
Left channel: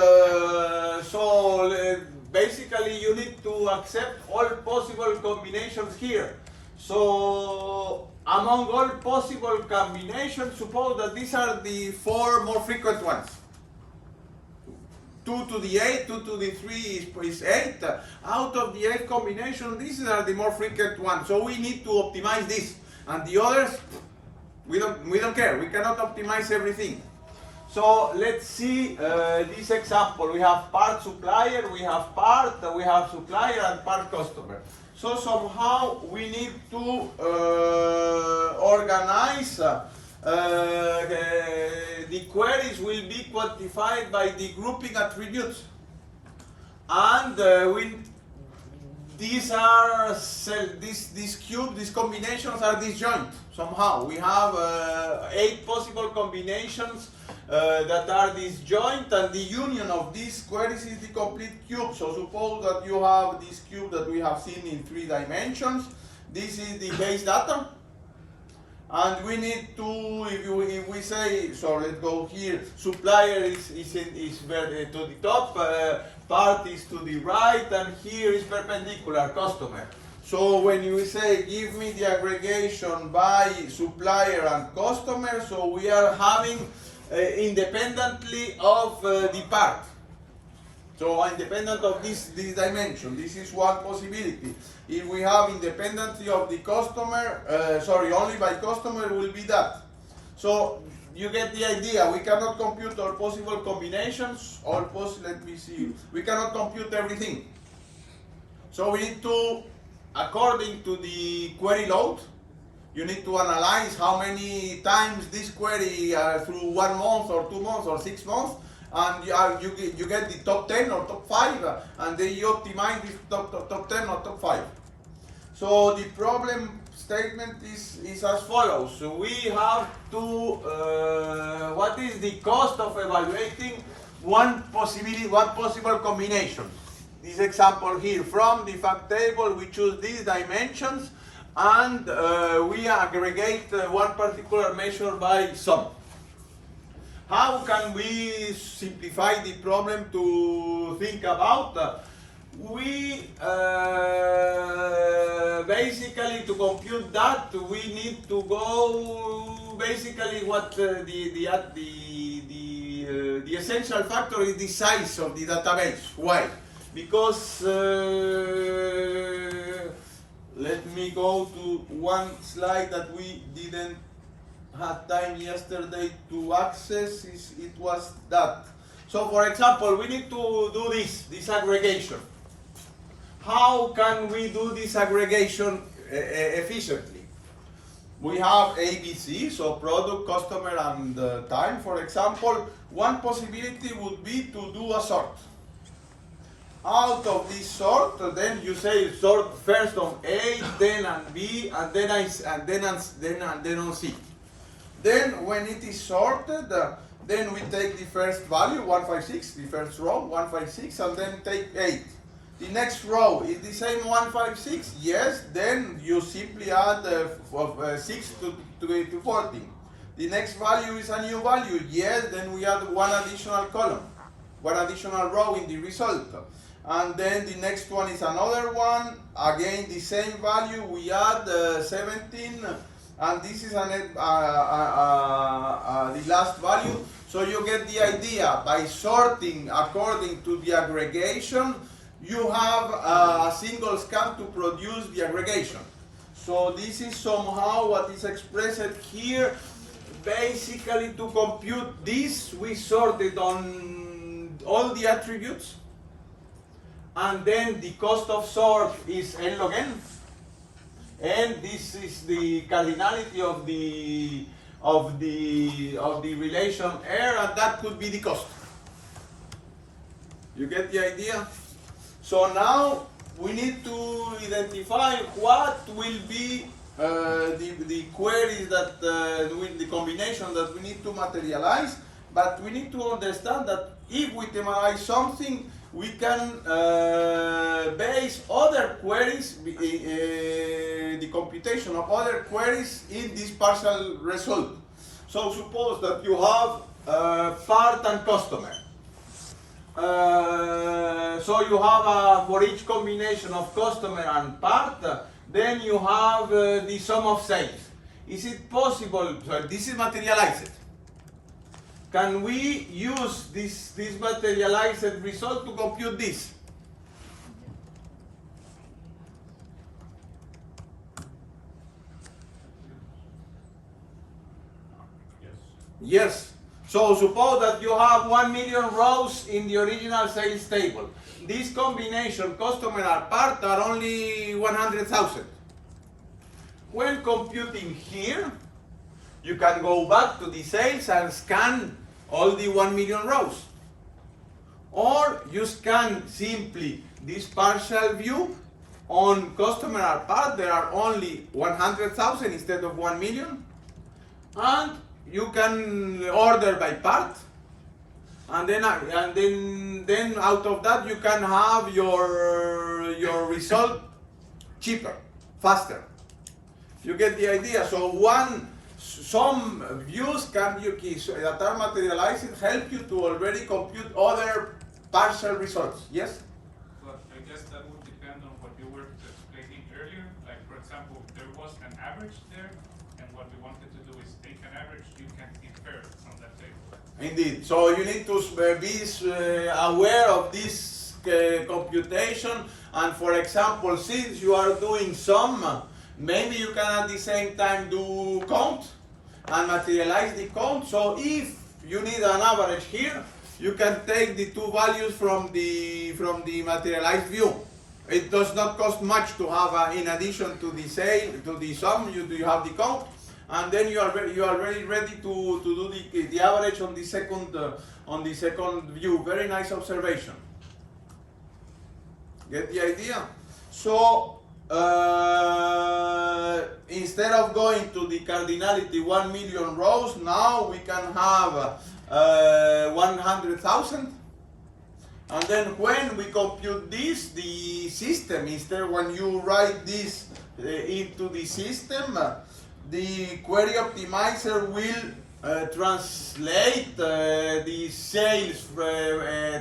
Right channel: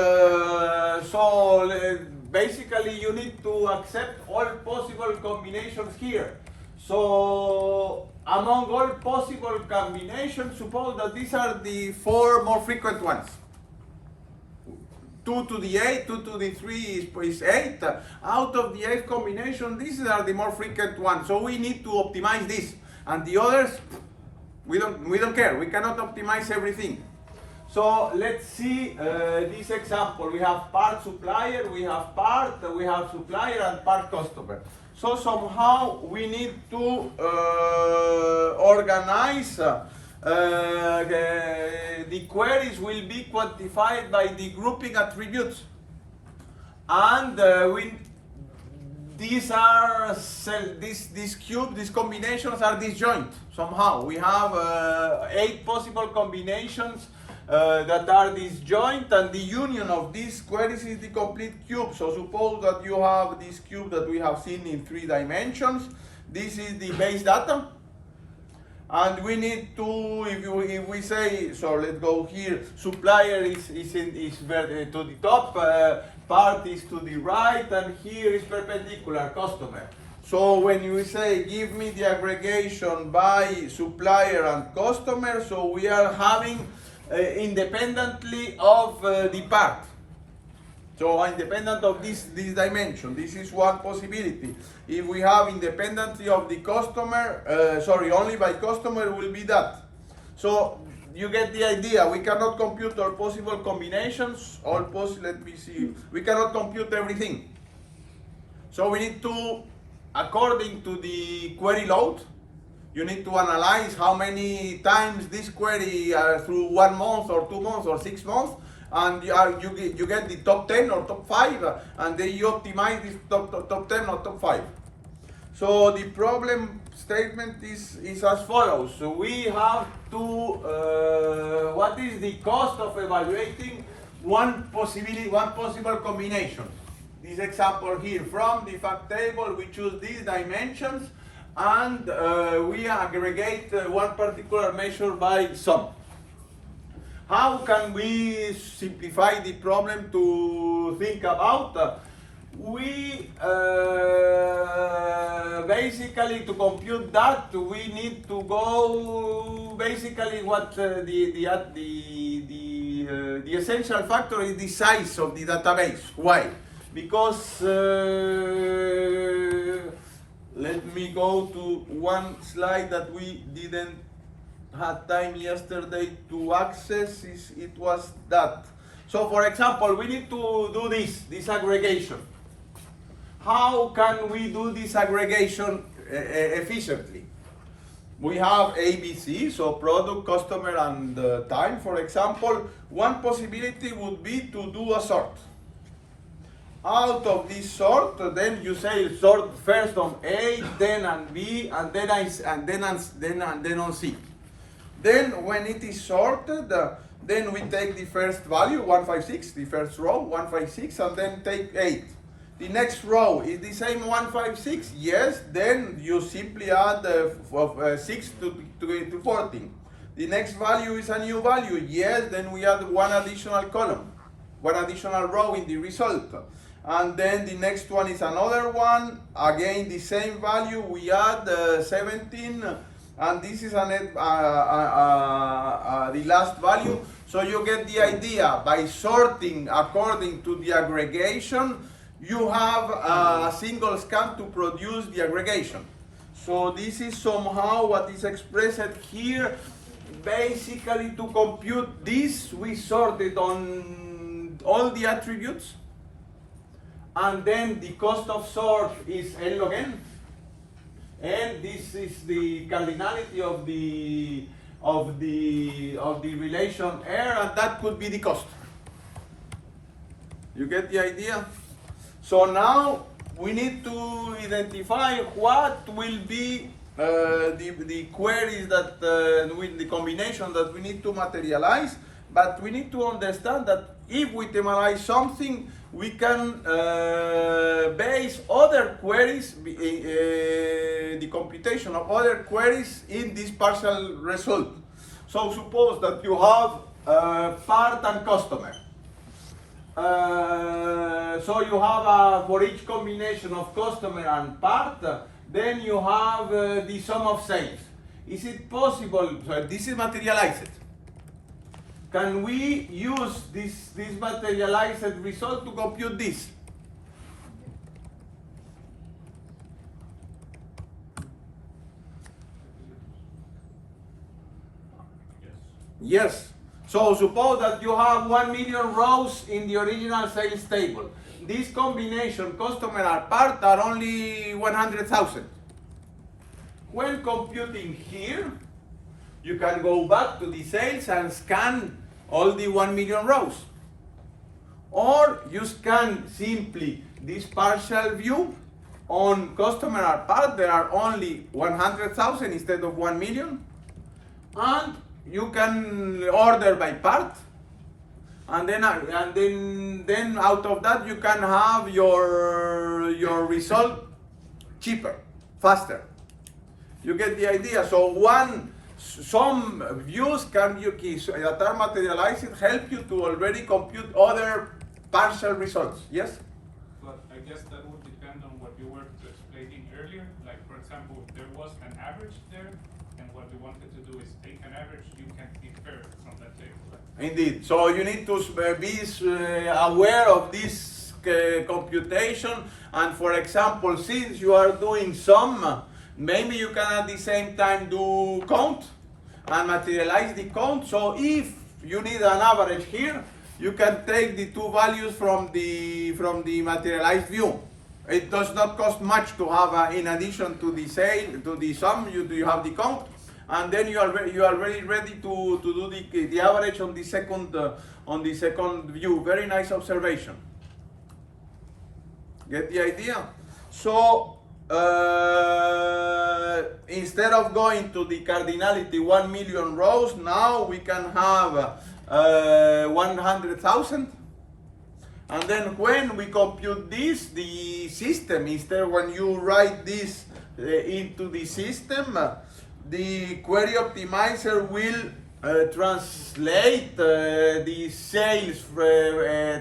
basically, you need to accept all possible combinations here. So among all possible combinations, suppose that these are the 4 more frequent ones. 2 to the 8, 2 to the 3 is 8. Out of the 8 combinations, these are the more frequent ones. So we need to optimize this. And the others, we don't care. We cannot optimize everything. So let's see this example. We have part supplier, we have supplier and part customer. So somehow we need to organize the queries will be quantified by the grouping attributes, and these combinations are disjoint somehow. We have 8 possible combinations that are disjoint, and the union of these queries is the complete cube. So suppose that you have this cube that we have seen in 3 dimensions. This is the base data, and we need to, if we say, so let's go here, supplier is to the top, part is to the right, and here is perpendicular, customer. So when we say give me the aggregation by supplier and customer, so we are having independently of the part. So independent of this dimension, this is one possibility. If we have independently of the customer, only by customer will be that. So you get the idea. We cannot compute all possible combinations, let me see. We cannot compute everything. So we need to, according to the query load, you need to analyze how many times this query through 1 month or 2 months or 6 months, and you get the top 10 or top 5, and then you optimize this top 10 or top 5. So the problem statement is as follows. So we have to, what is the cost of evaluating one possible combination? This example here, from the fact table we choose these dimensions, and we aggregate one particular measure by sum. How can we simplify the problem to think about? We basically, to compute that, we need to go basically what the essential factor is the size of the database. Why? Because let me go to one slide that we didn't have time yesterday to access. It was that. So for example, we need to do this aggregation. How can we do this aggregation efficiently? We have ABC, so product, customer, and time, for example. One possibility would be to do a sort. Out of this sort, then you say sort first on A, then on B, and then on C. Then when it is sorted, then we take the first value, 156, the first row, 156, and then take 8. The next row is the same 156, yes, then you simply add 6 to 14. The next value is a new value, yes, then we add one additional column, one additional row in the result. And then the next one is another one, again the same value, we add 17, and this is the last value. So you get the idea. By sorting according to the aggregation, you have a single scan to produce the aggregation. So this is somehow what is expressed here. Basically, to compute this, we sorted on all the attributes, and then the cost of sort is n log n, and this is the cardinality of of the relation R, and that could be the cost. You get the idea? So now we need to identify what will be the queries that with the combination that we need to materialize, but we need to understand that if we thematize something, we can base other queries, the computation of other queries in this partial result. So suppose that you have part and customer. So you have for each combination of customer and part, then you have the sum of sales. Is it possible, so this is materialized. Can we use this materialized result to compute this? Yes. So suppose that you have 1 million rows in the original sales table. This combination, customer and part, are only 100,000. When computing here, you can go back to the sales and scan all the 1 million rows. Or you scan simply this partial view on customer and part. There are only 100,000 instead of 1 million. And you can order by part, and then out of that you can have your result cheaper, faster. You get the idea. So some views that are materialized help you to already compute other partial results. Yes. But I guess that would depend on what you were explaining earlier. Like for example, if there was an average there, and what we wanted to do is take an average, you can infer it from that table. Indeed. So you need to be aware of this computation. And for example, since you are doing sum, maybe you can at the same time do count and materialize the count. So if you need an average here, you can take the two values from the materialized view. It does not cost much to have, in addition to the sum, you have the count, and then you are already ready to do the average on the second view. Very nice observation. Get the idea? So instead of going to the cardinality 1 million rows, now we can have 100,000. And then when we compute this, the system, instead when you write this into the system, the query optimizer will translate the sales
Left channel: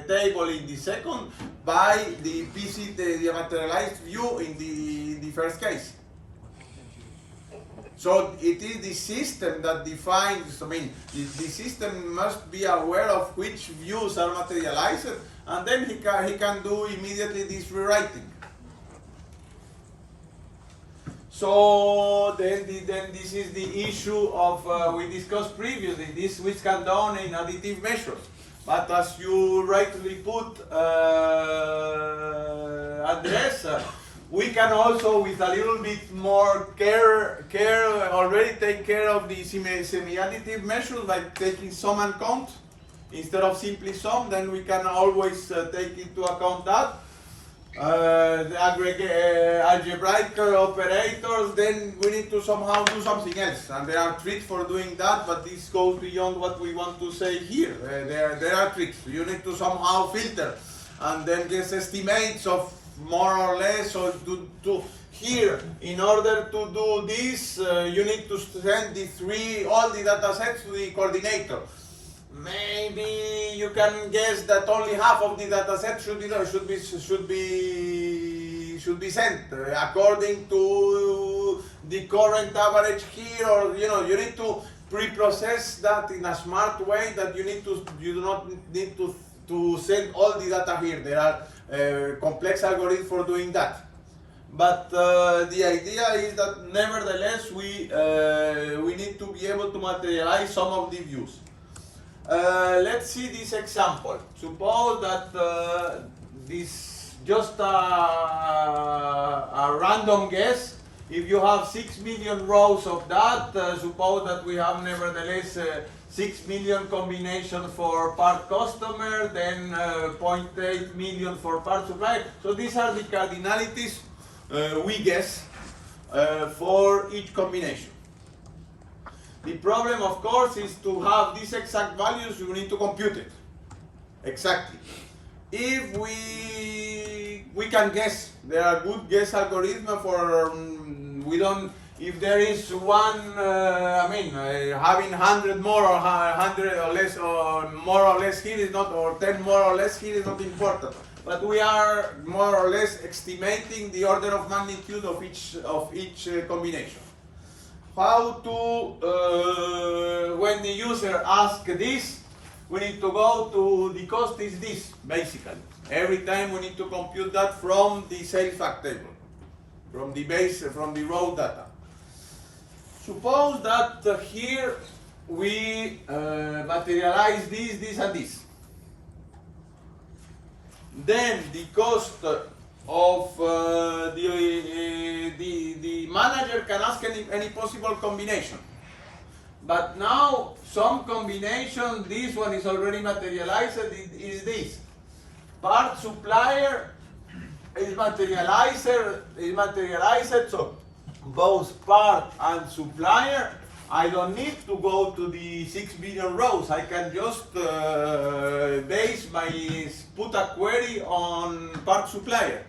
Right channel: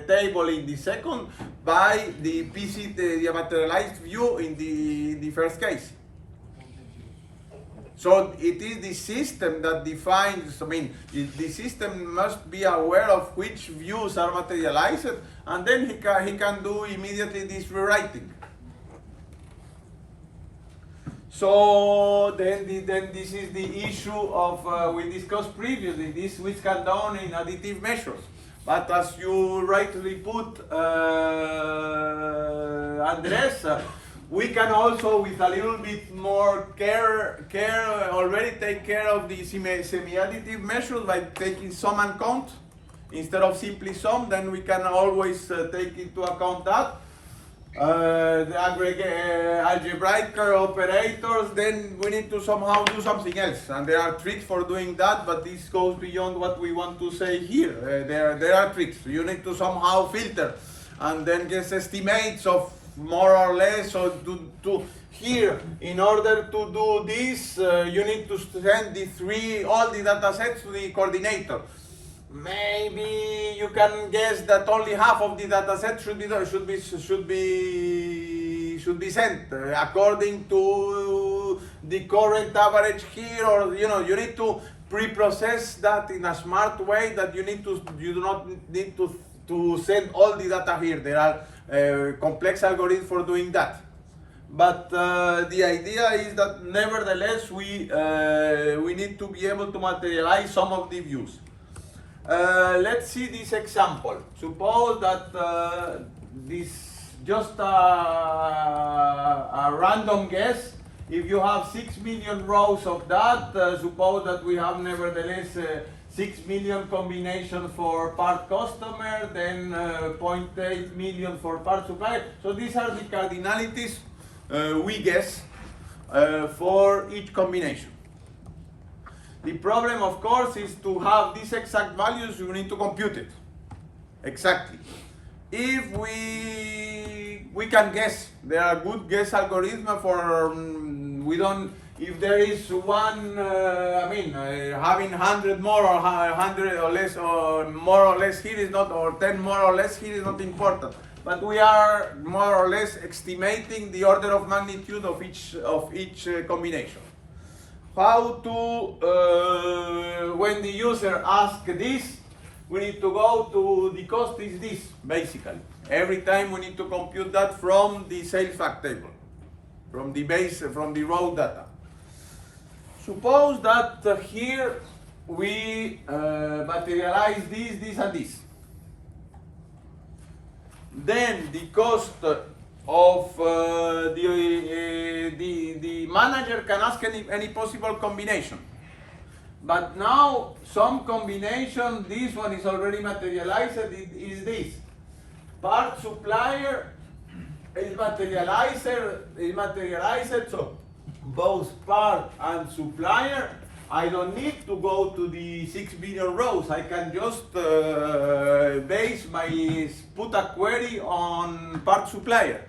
table in the second by the PC, the materialized view in the first case. So it is the system that defines, the system must be aware of which views are materialized, and then he can do immediately this rewriting. So then this is the issue of, we discussed previously, this which can be done in additive measures. But as you rightly put, Andres, we can also, with a little bit more care already take care of the semi-additive measures by taking sum and count instead of simply sum. Then we can always take into account that. The algebraic operators, then we need to somehow do something else, and there are tricks for doing that, but this goes beyond what we want to say here. There are tricks. You need to somehow filter and then get estimates of more or less. So here, in order to do this, you need to send all the data sets to the coordinator. Maybe you can guess that only half of the data set should be sent according to the current average here, or you need to pre-process that in a smart way that you do not need to send all the data here. There are complex algorithms for doing that. But the idea is that nevertheless we need to be able to materialize some of the views. Let's see this example. Suppose that this just a random guess If you have 6 million rows of that, suppose that we have nevertheless 6 million combinations for part customer, then 0.8 million for part supplier. So these are the cardinalities we guess for each combination. The problem, of course, is to have these exact values, you need to compute it. Exactly. If we can guess, there are good guess algorithms for, we don't, if there is one, having 100 more or 100 or less, or more or less here is not, or 10 more or less here is not important. But we are more or less estimating the order of magnitude of each combination. How to, when the user asks this, we need to go to the cost is this, basically. Every time we need to compute that from the sales fact table, from the base, from the raw data. Suppose that here we materialize this, and this. Then the cost of the manager can ask any possible combination. But now some combination, this one is already materialized, is this. Part supplier is materialized, so both part and supplier, I don't need to go to the 6 billion rows. I can just put a query on part supplier.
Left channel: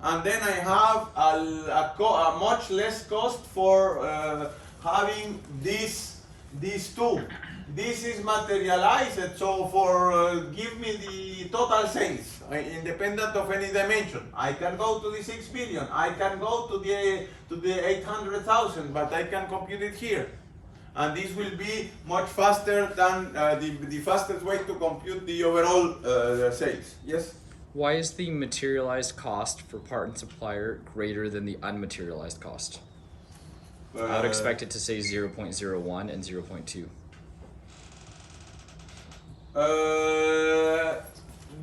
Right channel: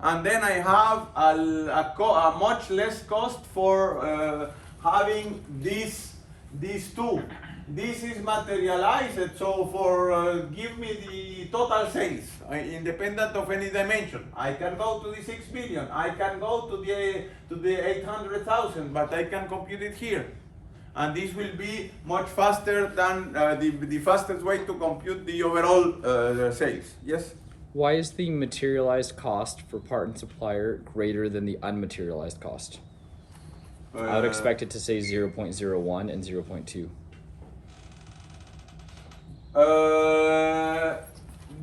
And then I have a much less cost for having these two. This is materialized, so for give me the total sales, independent of any dimension. I can go to the 6 billion, I can go to the 800,000, but I can compute it here. And this will be much faster than the fastest way to compute the overall sales. Yes? Why is the materialized cost for part and supplier greater than the unmaterialized cost? I would expect it to say 0.01 and 0.2.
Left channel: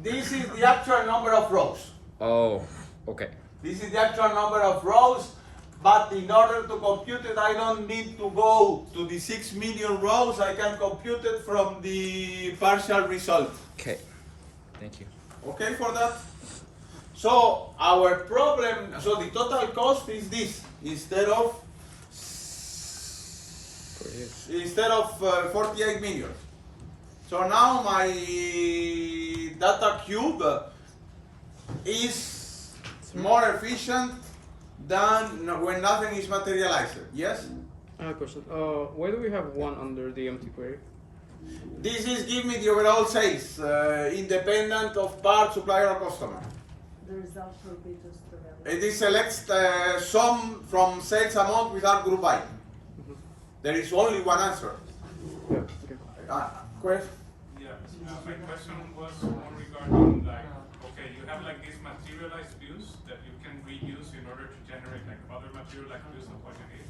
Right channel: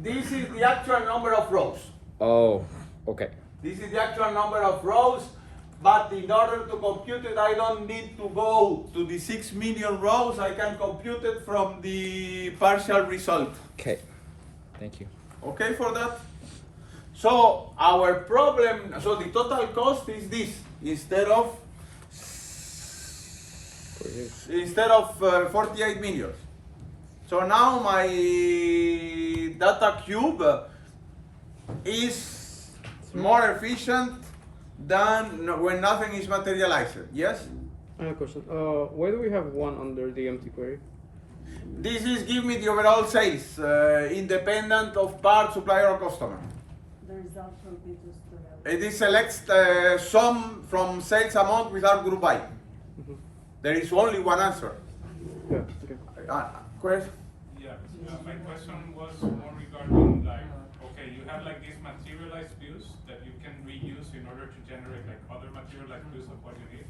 This is the actual number of rows. Oh, okay. This is the actual number of rows, but in order to compute it, I don't need to go to the 6 million rows. I can compute it from the partial result. Okay, thank you. Okay for that? So our problem, so the total cost is this, instead of 48 million. So now my data cube is more efficient than when nothing is materialized. Yes? I have a question. Why do we have one under the empty query? This is give me the overall sales, independent of part, supplier, or customer. The result will be just the value. It selects sum from sales amount without group by. There is only one answer. Yeah, okay. Question? Yeah, my question was more regarding like, okay, you have like these materialized views that you can reuse in order to generate like other materialized views of what you need.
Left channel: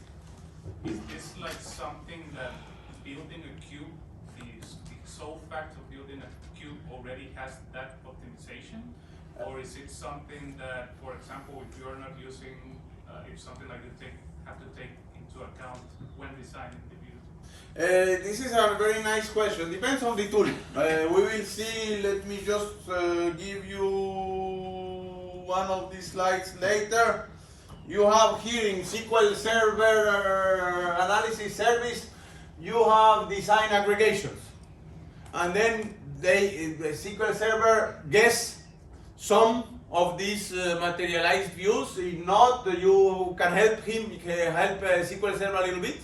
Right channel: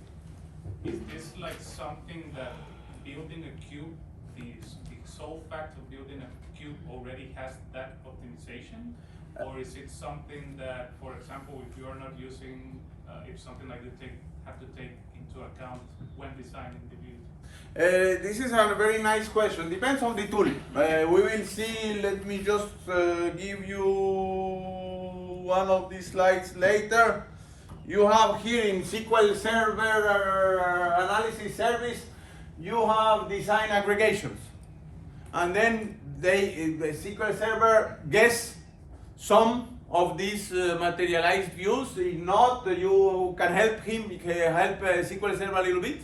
Is this like something that building a cube, the sole fact of building a cube already has that optimization? Or is it something that, for example, if you're not using, if something like you have to take into account when designing the views? This is a very nice question. Depends on the tool. We will see. Let me just give you one of these slides later. You have here in SQL Server Analysis Service, you have design aggregations. And then the SQL Server guess some of these materialized views. If not, you can help SQL Server a little bit.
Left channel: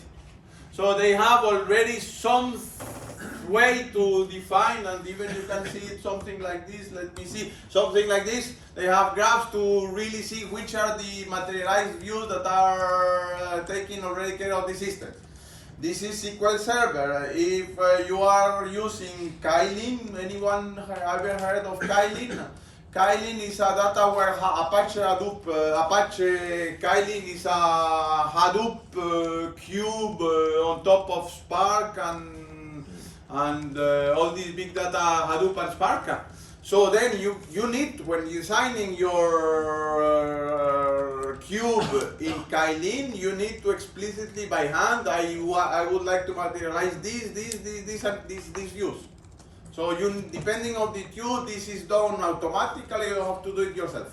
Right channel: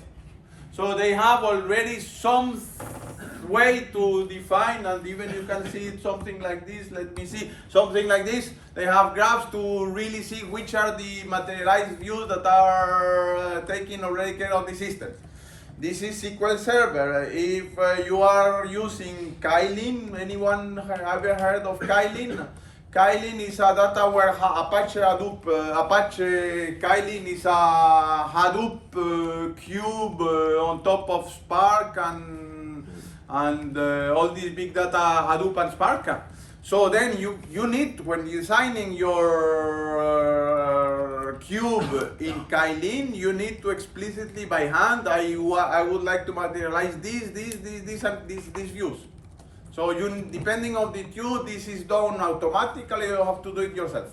So they have already some way to define, and even you can see something like this. Let me see, something like this. They have graphs to really see which are the materialized views that are taking already care of the system. This is SQL Server. If you are using Kylin, anyone ever heard of Kylin? Kylin is a data warehouse, Apache Hadoop. Kylin is a Hadoop cube on top of Spark and all these big data Hadoop and Spark. So then you need, when you're designing your cube in Kylin, you need to explicitly by hand, I would like to materialize these views. So depending on the cube, this is done automatically, you have to do it yourself.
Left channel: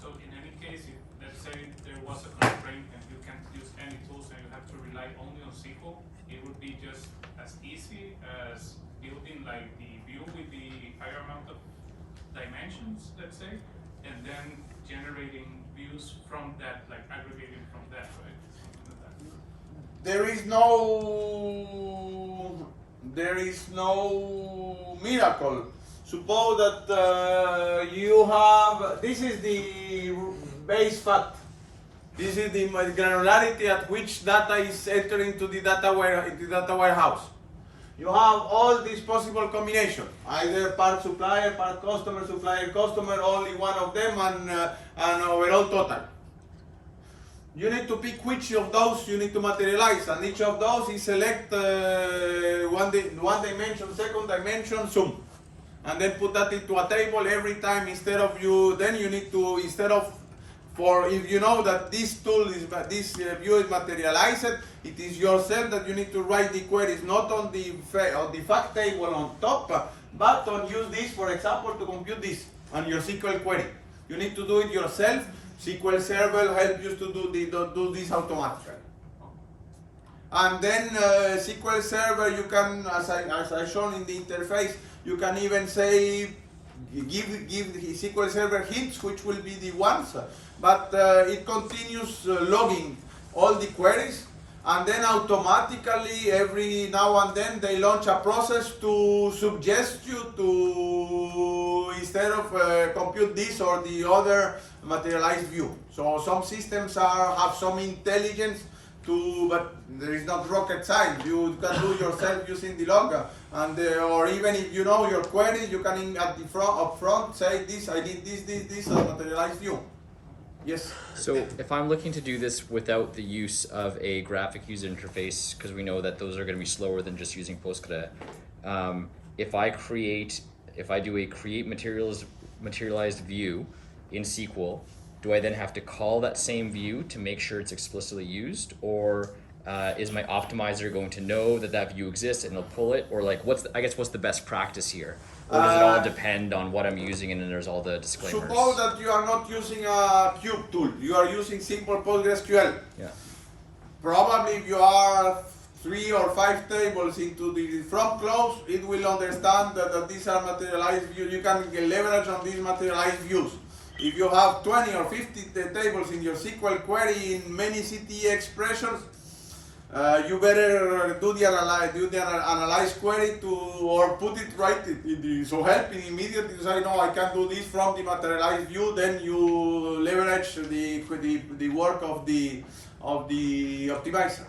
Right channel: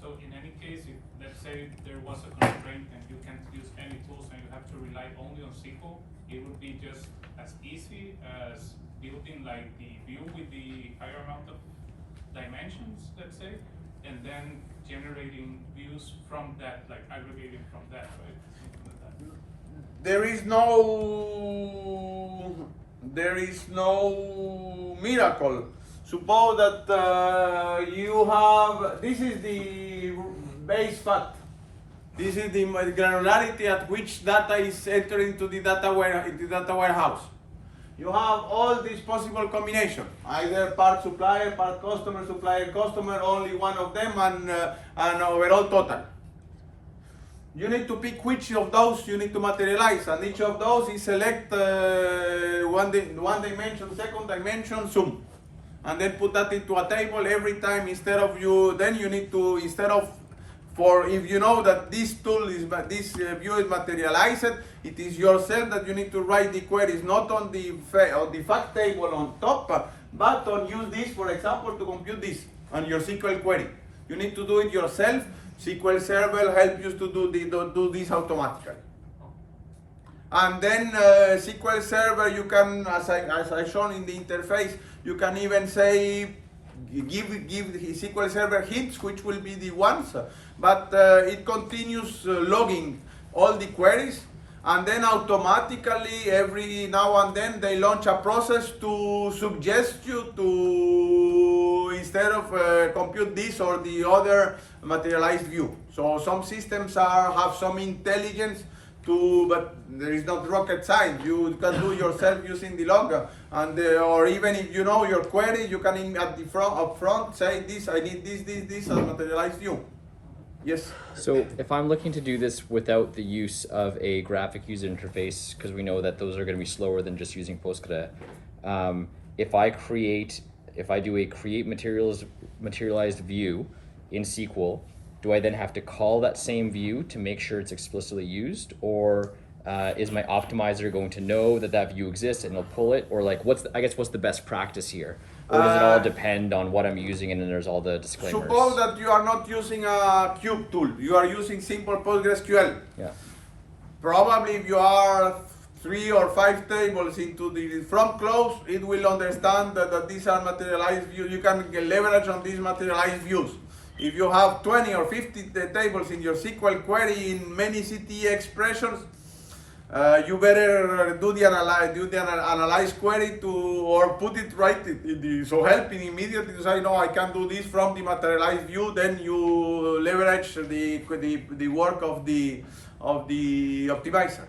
So in any case, if let's say there was a constraint and you can't use any tools and you have to rely only on SQL, it would be just as easy as building like the view with the higher amount of dimensions, let's say, and then generating views from that, like aggregating from that, right? Something like that. There is no miracle. Suppose that you have, this is the base fact. This is the granularity at which data is entering into the data warehouse. You have all these possible combinations, either part supplier, part customer, supplier, customer, only one of them, and overall total. You need to pick which of those you need to materialize, and each of those is select one dimension, second dimension, sum, and then put that into a table every time. Instead of if you know that this tool is, this view is materialized, it is yourself that you need to write the queries, not on the fact table on top, but on use this, for example, to compute this on your SQL query. You need to do it yourself. SQL Server helps you to do this automatically. And then SQL Server, you can, as I shown in the interface, you can even say, give the SQL Server hits, which will be the ones, but it continues logging all the queries, and then automatically every now and then they launch a process to suggest you to, instead of compute this or the other materialized view. So some systems have some intelligence but there is not rocket science. You can do yourself using the logger, and or even if you know your query, you can up front say this, I need this, a materialized view. Yes. So if I'm looking to do this without the use of a graphic user interface, because we know that those are going to be slower than just using Postgre, if I do a create materialized view in SQL, do I then have to call that same view to make sure it's explicitly used, or is my optimizer going to know that view exists and it'll pull it, or like what's the best practice here? Or does it all depend on what I'm using and then there's all the disclaimers? Suppose that you are not using a cube tool, you are using simple PostgreSQL. Yeah. Probably if you are 3 or 5 tables into the from close, it will understand that these are materialized views. You can leverage on these materialized views. If you have 20 or 50 tables in your SQL query in many CTE expressions, you better do the analyze query or put it right in the, so helping immediately to say, no, I can do this from the materialized view. Then you leverage the work of the optimizer.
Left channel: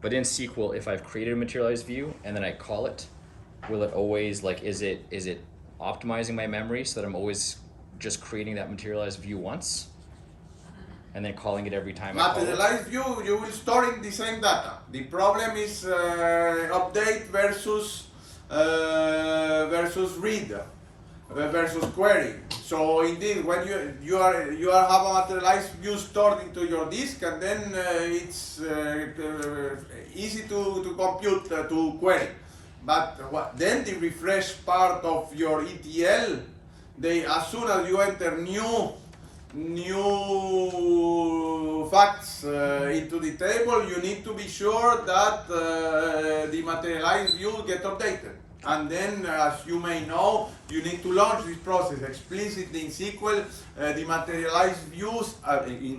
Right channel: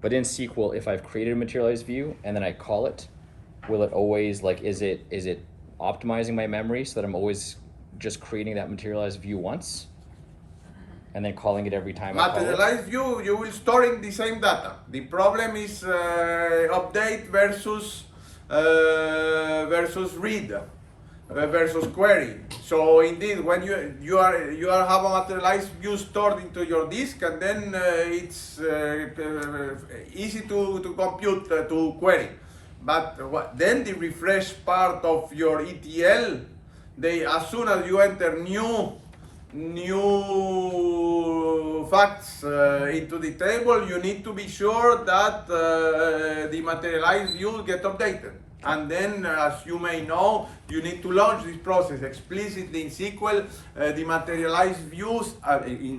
But in SQL, if I've created a materialized view and then I call it, will it always, like, is it optimizing my memory so that I'm always just creating that materialized view once and then calling it every time I call it? Materialized view, you will store in the same data. The problem is update versus read versus query. So indeed, when you have a materialized view stored into your disk, and then it's easy to compute to query. But then the refresh part of your ETL, as soon as you enter new facts into the table, you need to be sure that the materialized views get updated. And then, as you may know, you need to launch this process explicitly in SQL. The materialized views,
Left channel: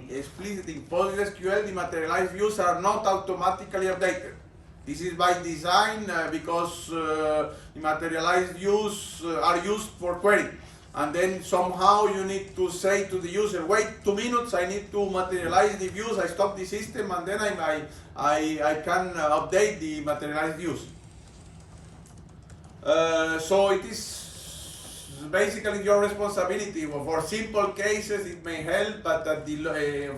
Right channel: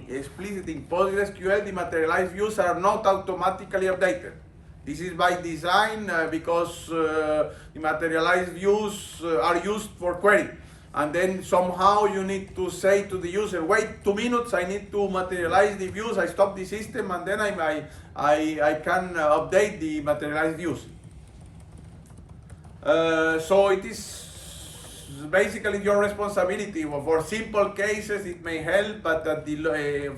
explicitly in PostgreSQL, the materialized views are not automatically updated. This is by design because the materialized views are used for query. And then somehow you need to say to the user, wait 2 minutes, I need to materialize the views, I stop the system, and then I can update the materialized views. So it is basically your responsibility. For simple cases it may help, but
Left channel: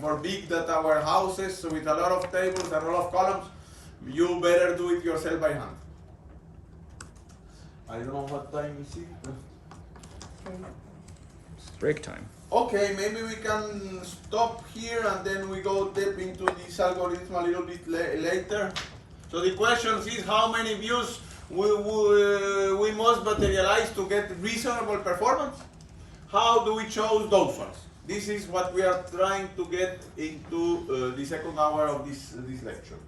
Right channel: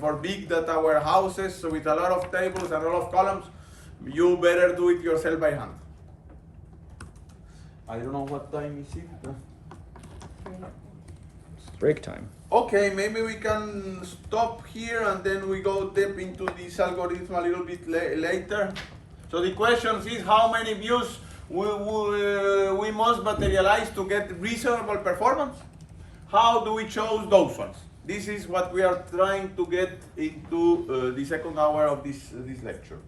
for big data warehouses with a lot of tables and a lot of columns, you better do it yourself by hand. I don't know what time is it. Break time. Okay, maybe we can stop here and then we go deep into this algorithm a little bit later. So the question is how many views we must materialize to get reasonable performance? How do we choose those ones? This is what we are trying to get into the second hour of this lecture.